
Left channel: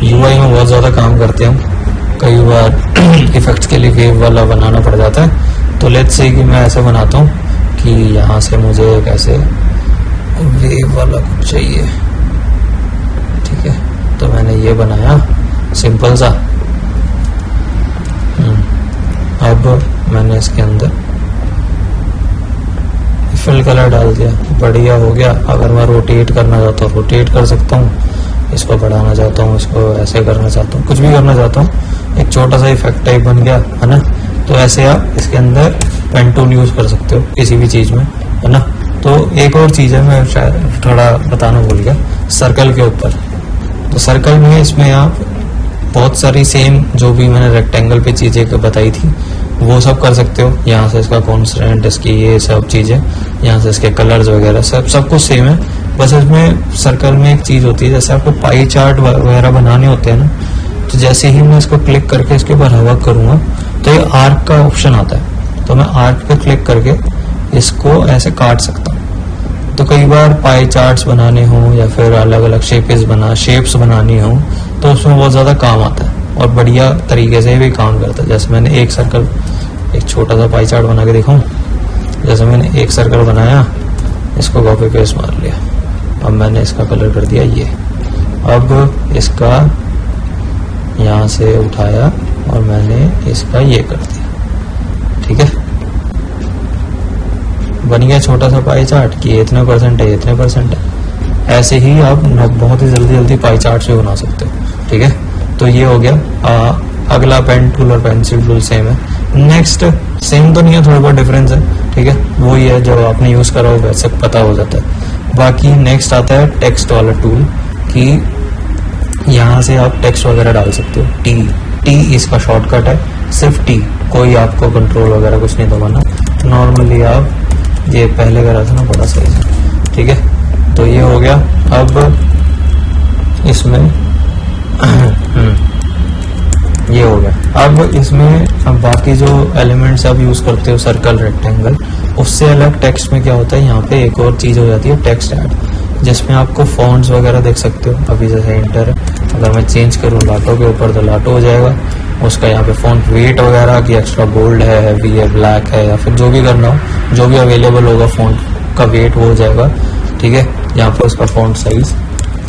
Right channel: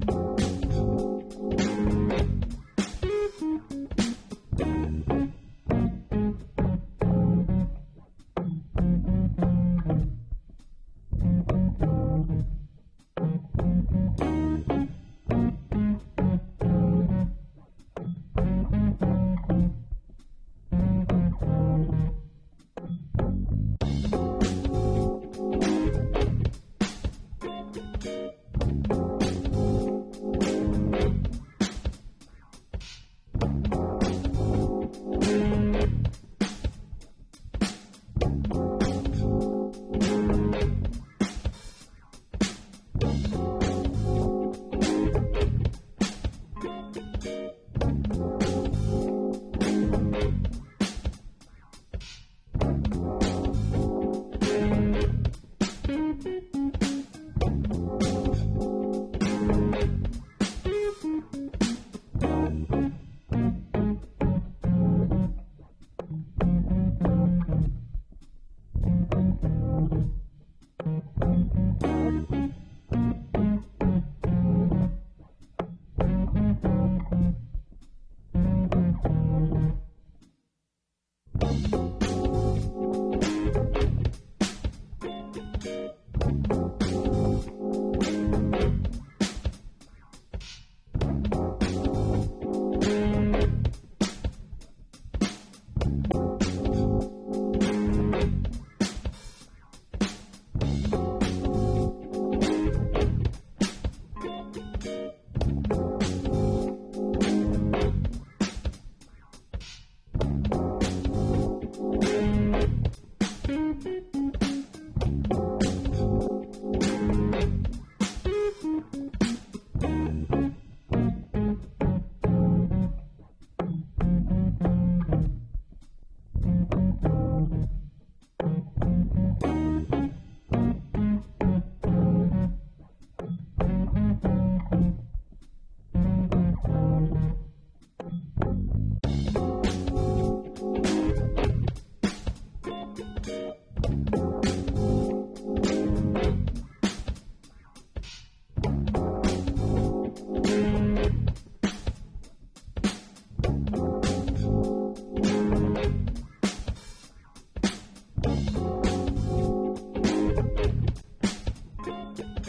यूआई में बहुत ज़्यादा काम करते हैं, कई बार इफेक्ट्स के लिए वेव वाला बनाना पड़ जाता है। तो लेट्स से कि मैं ऐसे बनाता हूँ कि यहाँ से मुझे एक ऐसे वेव वाला कुछ चाहिए, ठीक है। तो मैंने ये बनाया सिंपल सा। अब मैंने इसके अंदर फिल कलर डाल दिया, बढ़िया हो गया। अगर मैं रोटेट करना चाहता हूँ रोटेट कर सकता हूँ, इसको बढ़ाना चाहता हूँ, इसको ऐसे करना चाहता हूँ, कुछ भी करना चाहता हूँ, एक छोटा सा इफेक्ट टाइप बन गया, है ना। तो ऐसे आप इसके अंदर पेन टूल यूज कर सकते हो किसी भी चीज में, है ना। तो एक और चीज है, मैं शायद थोड़ा बताना भूल गया, सर्कल के ऊपर। तो सर्कल में इसमें आप बहुत सारी सेम जो भी मैंने रेक्टेंगल पे चीजें बताई थी वो सब कर सकते हो। यहाँ से इसका कॉन्स्टेंट, इसकी ये सब चीजें, यहाँ से इसके कलर्स वगैरह सब कुछ सेम है। बस इसमें सर्कल में एक चीज होती है, जैसे आपको पाई चार्ट वगैरह बनाने होते हैं ना, तो जैसे ही मैं इसको क्लिक करके इसके ऊपर हवा करूंगा तो ये आर्क का ऑप्शन आता है। तो मैं आर्क पे क्लिक करके इसको ऐसे काट सकता हूँ। तो कई बार पाई चार्ट्स बनाने हो या फिर अलग अलग शेप्स बनानी हो तो उसमें बहुत ज्यादा काम आता है और बढ़िया तरीके से भी काम करता है। जैसे मैंने एक सर्कल, एक छोटा सा पाई चार्ट बना के दिखाऊं। जैसे मैंने एक सर्कल बनाया, इसको कॉपी पेस्ट मार लिया, अब मैंने इसका कलर कर दिया ये। अब इसका यहाँ से उठाया और मैंने इसका ये कर दिया, ठीक है। बन गया छोटा सा पाई चार्ट कि इतने परसेंट है, इतने परसेंट है। ऐसे ही आप बहुत ही जल्दी पाई चार्ट भी बना सकते हो, ठीक है। तो ये हो गया। अगला पेन टूल और पेंसिल टूल सेम है। नेक्स्ट सेम तो नहीं है, थोड़ा बहुत डिफरेंस है, ठीक है। वो ही है जो आपने यूज करा हो वैसे पता हो जाता है। बाकी नेक्स्ट आता है टेक्स्ट वाला टूल कि यहाँ से आप टेक्स्ट वगैरह डाल सकते हो। टी इसका शॉर्टकट है, सिर्फ टी, कोई आपको कंट्रोल वगैरह कुछ नहीं दबाना। नॉर्मली आप ये पहले करा था ना, बड़ा सही है, ठीक है। तो ये हो गया। अब इसमें ये हो गया। अब इसमें अब बाकी जो एलिमेंट्स आप यूज करते हो, सर्कल, रेक्टेंगल, उससे अलग टेक्स्ट में क्या होता है, यहाँ पे एक और चीज हो जाती है टेक्स्ट ऐड, जिसमें आपको फॉन्ट्स वगैरह देख सकते हो। अभी जैसे इंटर, अगर मैं चेंज करूँ लाटो के ऊपर तो लाटो हो जाएगा। उसका यहाँ पे फॉन्ट वेट वगैरह की एक्स्ट्रा बोल्ड है, हैवी है, ब्लैक है, या फिर जो भी करना हो, जो भी अवेलेबल होगा फॉन्ट का वेट वो हो जाएगा, ठीक है। यहाँ पर उसका फॉन्ट साइज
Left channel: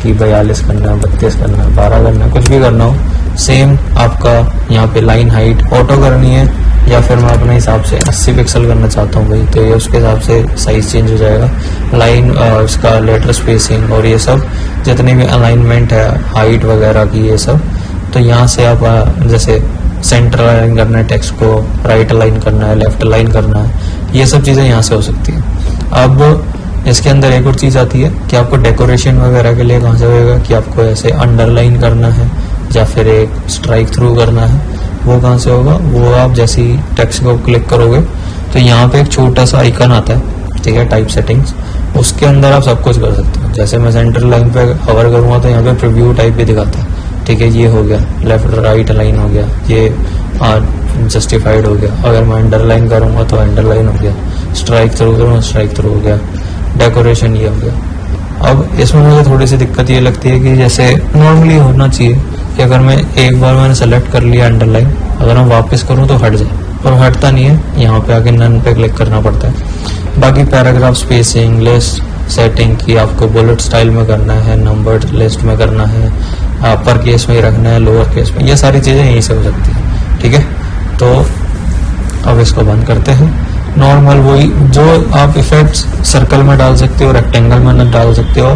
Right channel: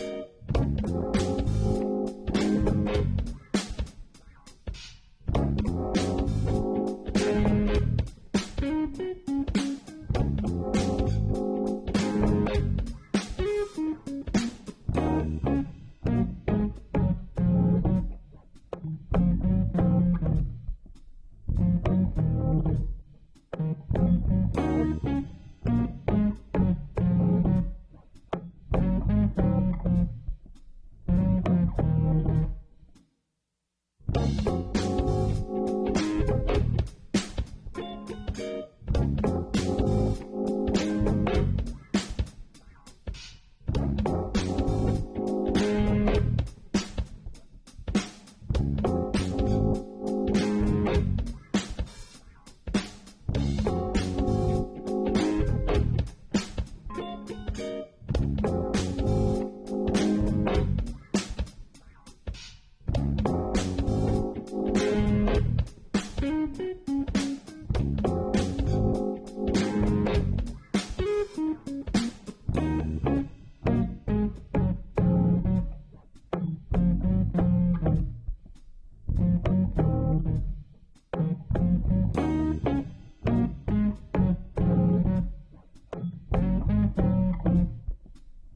कि 42 करना है, 32 करना है, 12 करना है, कुछ भी करना हो सेम। आपका यहाँ पे लाइन हाइट ऑटो करनी है या फिर मैं अपने हिसाब से 80 पिक्सल करना चाहता हूँ भाई, तो ये उसके हिसाब से साइज चेंज हो जाएगा। लाइन इसका लेटर स्पेसिंग और ये सब जितनी भी अलाइनमेंट है, हाइट वगैरह की, ये सब तो यहाँ से आप जैसे सेंटर अलाइन करना है टेक्स्ट को, राइट अलाइन करना है, लेफ्ट अलाइन करना है, ये सब चीज़ें यहाँ से हो सकती है। अब इसके अंदर एक और चीज़ आती है कि आपको डेकोरेशन वगैरह के लिए कहाँ से होएगा कि आपको ऐसे अंडरलाइन करना है या फिर एक स्ट्राइक थ्रू करना है, वो कहाँ से होगा। वो आप जैसे ही टेक्स्ट को क्लिक करोगे तो यहाँ पे एक छोटा सा आइकन आता है, ठीक है, टाइप सेटिंग्स, उसके अंदर आप सब कुछ कर सकते हो। जैसे मैं सेंटर लाइन पे कवर करूँगा तो यहाँ पे प्रीव्यू टाइप भी दिखाता है, ठीक है। ये हो गया लेफ्ट राइट लाइन हो गया, ये जस्टिफाइड हो गया। अगर मैं अंडरलाइन करूँगा तो अंडरलाइन हो गया, स्ट्राइक थ्रू करूँगा स्ट्राइक थ्रू हो गया, डेकोरेशन ये हो गया। अब इसमें मुझे थोड़ी सी दिक्कत ये लगती है कि जैसे नॉर्मली होना चाहिए कि अगर मैं एक बार मैंने सेलेक्ट कर लिया अंडरलाइन, अगर मैं वापस करूँ तो हट जाए, पर हटता नहीं है। यहाँ पे आके नन पे क्लिक करना पड़ता है। बाकी पैराग्राफ स्पेसिंग, लिस्ट सेटिंग की आपको बुलेट स्टाइल में करना है, नंबर्ड लिस्ट में करना है, अपर केस में ही रखना है, लोअर केस में, ये सारी चीज़ें यहीं से हो सकती है। ठीक है, तो अब इसको बंद करते हैं। नॉर्मल वही जो आप इफेक्ट्स सर्कल में डाल सकते हो, रेक्टेंगल में डाल सकते हो,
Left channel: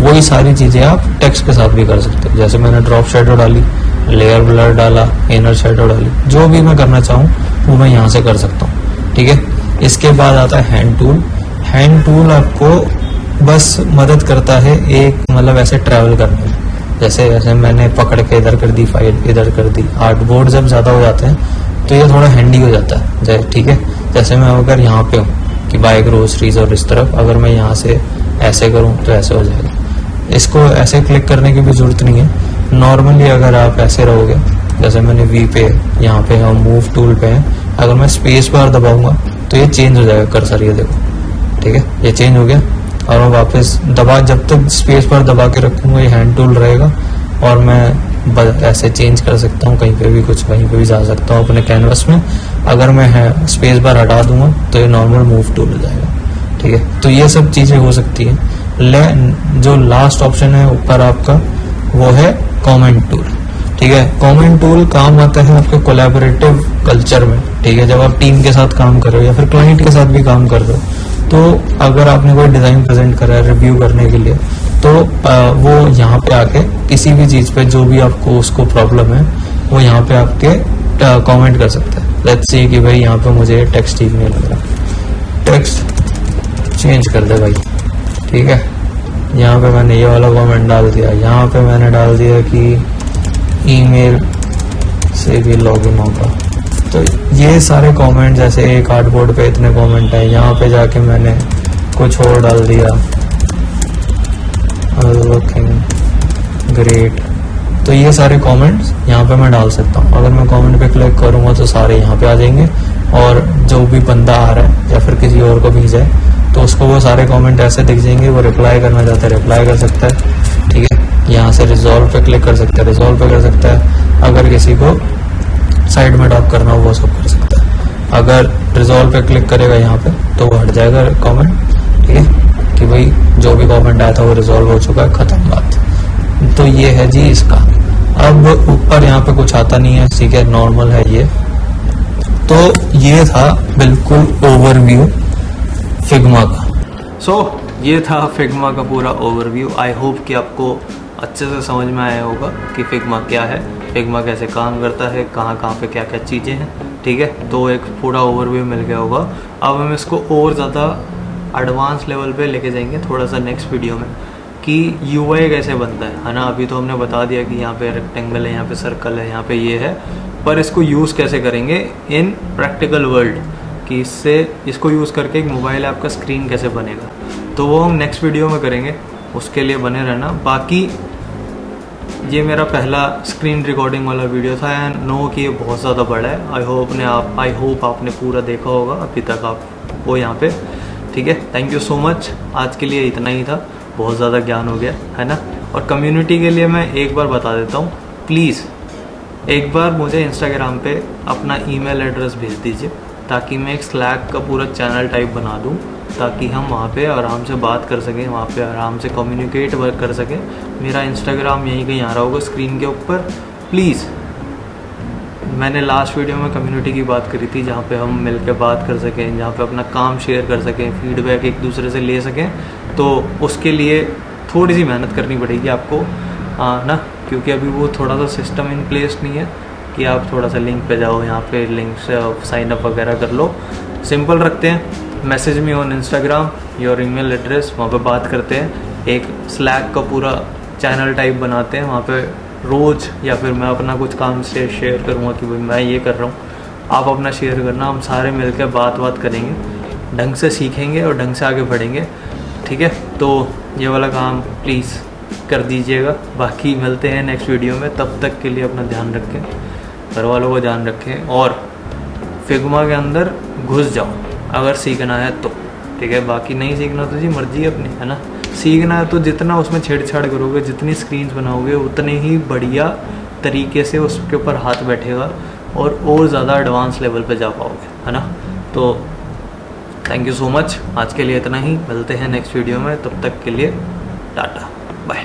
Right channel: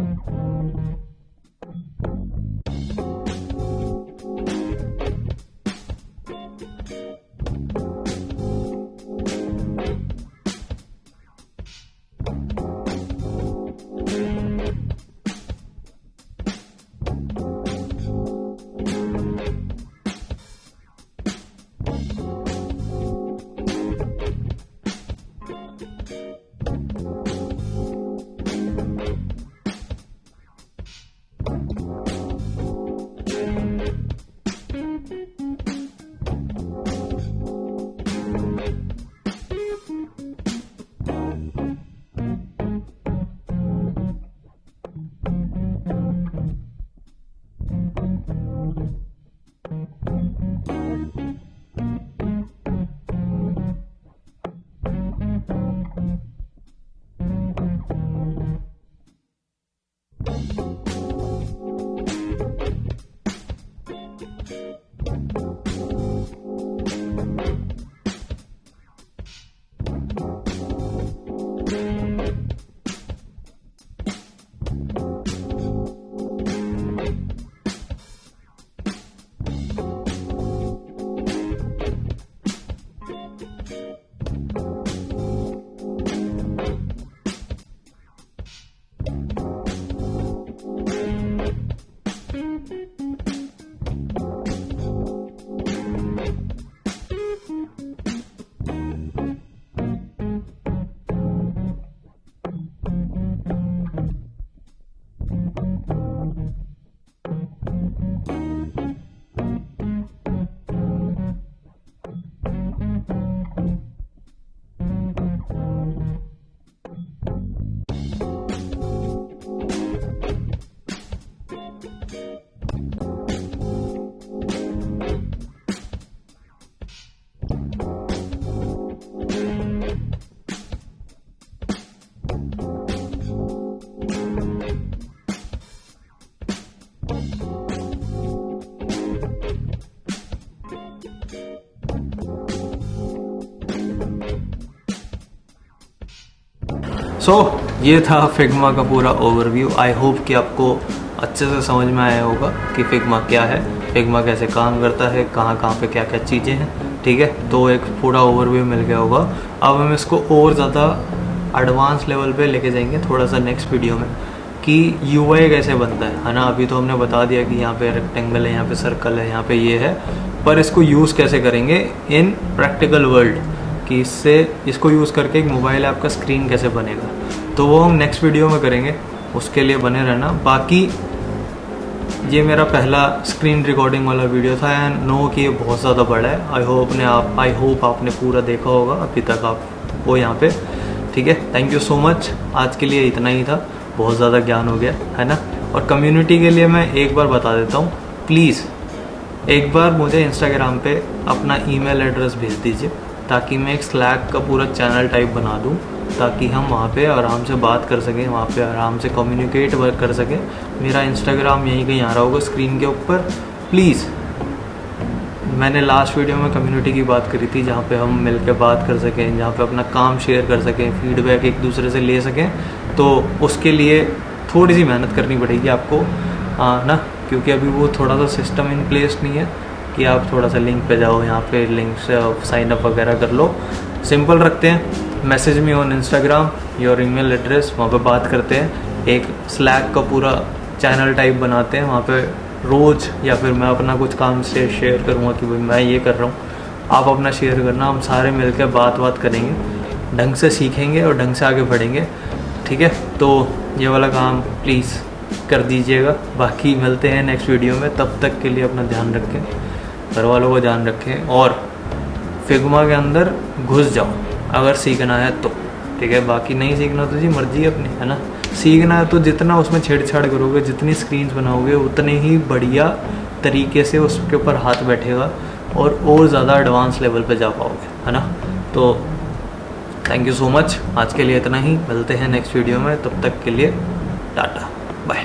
वही सारी चीज़ें आप टेक्स्ट के साथ भी कर सकते हो। जैसे मैंने ड्रॉप शेडो डाली, लेयर ब्लर डाला, इनर शेडो डाली, जो भी मैं करना चाहूँ वो मैं यहाँ से कर सकता हूँ। ठीक है, इसके बाद आता है हैंड टूल। हैंड टूल आपको बस मदद करता है एक मतलब ऐसे ट्रैवल करने में। जैसे ऐसे मैंने पकड़ के इधर कर दी, फाइल इधर कर दी। आर्टबोर्ड जब ज़्यादा हो जाते हैं तो ये थोड़ा हैंडी हो जाता है। ठीक है, जैसे मैं अगर यहाँ पे हूँ कि बाय ग्रोसरीज और इस तरफ, अगर मैं यहाँ से ऐसे करूँ तो ऐसे हो जाएगा। इसको ऐसे क्लिक करने की भी जरूरत नहीं है। नॉर्मली अगर आप ऐसे रहोगे, जैसे मैंने वी पे, यहाँ पे हम मूव टूल पे हैं, अगर मैं स्पेस बार दबाऊंगा तो ये चेंज हो जाएगा कर्सर, ये देखो। ठीक है, ये चेंज हो गया और मैं वापस दबा, जब तक स्पेस बार दबा के रखूंगा ये हैंड टूल रहेगा और मैं ऐसे चेंज कर सकता हूँ, कहीं पे भी कुछ वहीं पे भी जा सकता हूँ अपने कैनवस में। अगर मैं स्पेस बार हटा दूंगा तो ये नॉर्मल मूव टूल हो जाएगा। ठीक है, तो ये सब चीज़ें हो सकती हैं। जो लास्ट ऑप्शन है ऊपर आपका, वो है कमेंट टूल। ठीक है, कमेंट टूल काम आता है आपके कोलैबोरेटिव कल्चर में। ठीक है, जब आप टीम के साथ काम कर रहे हो या फिर क्लाइंट के साथ भी काम कर रहे हो, तो अगर आपने कोई डिज़ाइन प्रेजेंट करा है रिव्यू करने के लिए, तो वो यहाँ पे आके किसी भी चीज़ पे जो भी आपको उसको प्रॉब्लम है वो यहाँ पे आपके कमेंट कर सकता है। लेट्स सी कि भाई यहाँ पे मुझे टेक्स्ट ठीक नहीं लग रहा, टेक्स्ट चेंज कर दे भाई। ठीक है, यहाँ पे मैंने ये वाला कमेंट डाल दिया, यहाँ पे मैंने डाल दिया कि ईमेल से भी लॉगिन होगा। तो ये सारे कमेंट, जैसे एक आर्टबोर्ड पे इतने कमेंट है, यहाँ पे जाके मैंने कुछ और डाल दिया, लुकिंग ग्रेट। तो ये सारे कमेंट्स यहाँ पे मैं डाल सकता हूँ। अगर मैं कमेंट पे क्लिक करूँगा तो सारे यहाँ पे आ जाएंगे और जो भी बंदा आ रहा है या फिर किसी और को भेजा है तो उसको वो सारे कमेंट ऐसे दिख जाएंगे। वो रिप्लाई करना चाहता है रिप्लाई कर सकता है। ठीक है, यहाँ से रिजॉल्व पे क्लिक कर सकता है, रिजॉल्व पे कर सकता है। अगर किसी को साइड में ड्रॉप करना हो वो सब कर सकता है। अगर रिजॉल्व पे क्लिक करेगा यहाँ पे तो वो हट जाएगा कमेंट। ठीक है, कि भाई जो भी कमेंट आया था वो रिजॉल्व हो चुका है, खत्म बात। तो ये है जी इसका। अब ऊपर यहाँ पे कुछ आता नहीं है, ठीक है, नॉर्मल है ये। तो ये था बिल्कुल ओवरव्यू फिग्मा का। ये था फिग्मा का पूरा ओवरव्यू। आई होप कि आपको अच्छे से समझ में आया होगा कि फिग्मा क्या है, फिग्मा कैसे काम करता है, कहाँ पे क्या क्या चीज़ें हैं। ठीक है, तो एक पूरा ओवरव्यू मिल गया होगा। अब हम इसको और ज़्यादा एडवांस लेवल पे लेके जाएंगे थोड़ा सा नेक्स्ट वीडियो में कि यूआई कैसे बनता है ना। अभी तो हमने बता दिया कि यहाँ पे रेक्टेंगल है, यहाँ पे सर्कल है, यहाँ पे ये है, पर इसको यूज़ कैसे करेंगे इन प्रैक्टिकल वर्ल्ड, कि इसको यूज़ करके एक मोबाइल ऐप का स्क्रीन कैसे बनेगा, तो वो हम नेक्स्ट वीडियो में करेंगे। उसके लिए बने रहना। बाकी ये मेरा पहला स्क्रीन रिकॉर्डिंग वाला वीडियो था एंड नो कि ये बहुत ज़्यादा बड़ा है। आई होप आपने पूरा देखा होगा अभी तक आप वो यहाँ पे। ठीक है, थैंक यू सो मच। आज के लिए इतना ही था, बहुत ज़्यादा ज्ञान हो गया है ना। और कम्युनिटी के लिए मैं एक बार बता देता हूँ, प्लीज़ एक बार मुझे इंस्टाग्राम पे अपना ईमेल एड्रेस भेज दीजिए ताकि मैं एक स्लैक का पूरा चैनल टाइप बना दूँ, ताकि हम वहाँ पे आराम से बात कर सकें, वहाँ पे आराम से कम्युनिकेट कर सकें। मेरा इंस्टाग्राम यहीं कहीं आ रहा होगा स्क्रीन के ऊपर। प्लीज़, मैंने लास्ट वीडियो में कम्युनिटी की बात करी थी जहाँ पे हम मिल के बात कर सकें, जहाँ पे अपना काम शेयर कर सकें, फीडबैक एक दूसरे से ले सकें। तो उसके लिए थोड़ी सी मेहनत करनी पड़ेगी आपको ना, क्योंकि अभी वो थोड़ा सा सिस्टम इन प्लेस नहीं है कि आप थोड़ा सा लिंक पे जाओ, यहाँ पे लिंक से साइन अप वगैरह कर लो। सिंपल रखते हैं, message me on Instagram your email address, वहाँ पे बात करते हैं। एक स्लैक का पूरा चैनल टाइप बनाते हैं, वहाँ पे रोज़ या फिर मैं अपना कुछ काम से शेयर करूँगा कि भाई मैं ये कर रहा हूँ, आप अपना शेयर करना, हम सारे मिलकर बात करेंगे, ढंग से सीखेंगे और ढंग से आगे बढ़ेंगे। ठीक है, तो ये वाला काम प्लीज़ कर दीजिएगा। बाकी मिलते हैं नेक्स्ट वीडियो में, तब तक के लिए अपना ध्यान रखें, घर वालों को ध्यान रखें और फिग्मा के अंदर घुस जाओ अगर सीखना है तो। ठीक है, बाकी नहीं सीखना तो जी मर्जी है अपनी, है ना। सीखना है तो जितना उसमें छेड़छाड़ करोगे, जितनी स्क्रीन्स बनाओगे, उतने ही बढ़िया तरीके से उसके ऊपर हाथ बैठेगा और ज़्यादा एडवांस लेवल पे जा पाओगे, है ना। तो थैंक यू सो मच, आज के लिए इतना ही। मिलते हैं नेक्स्ट वीडियो में, तब तक के लिए टाटा बाय।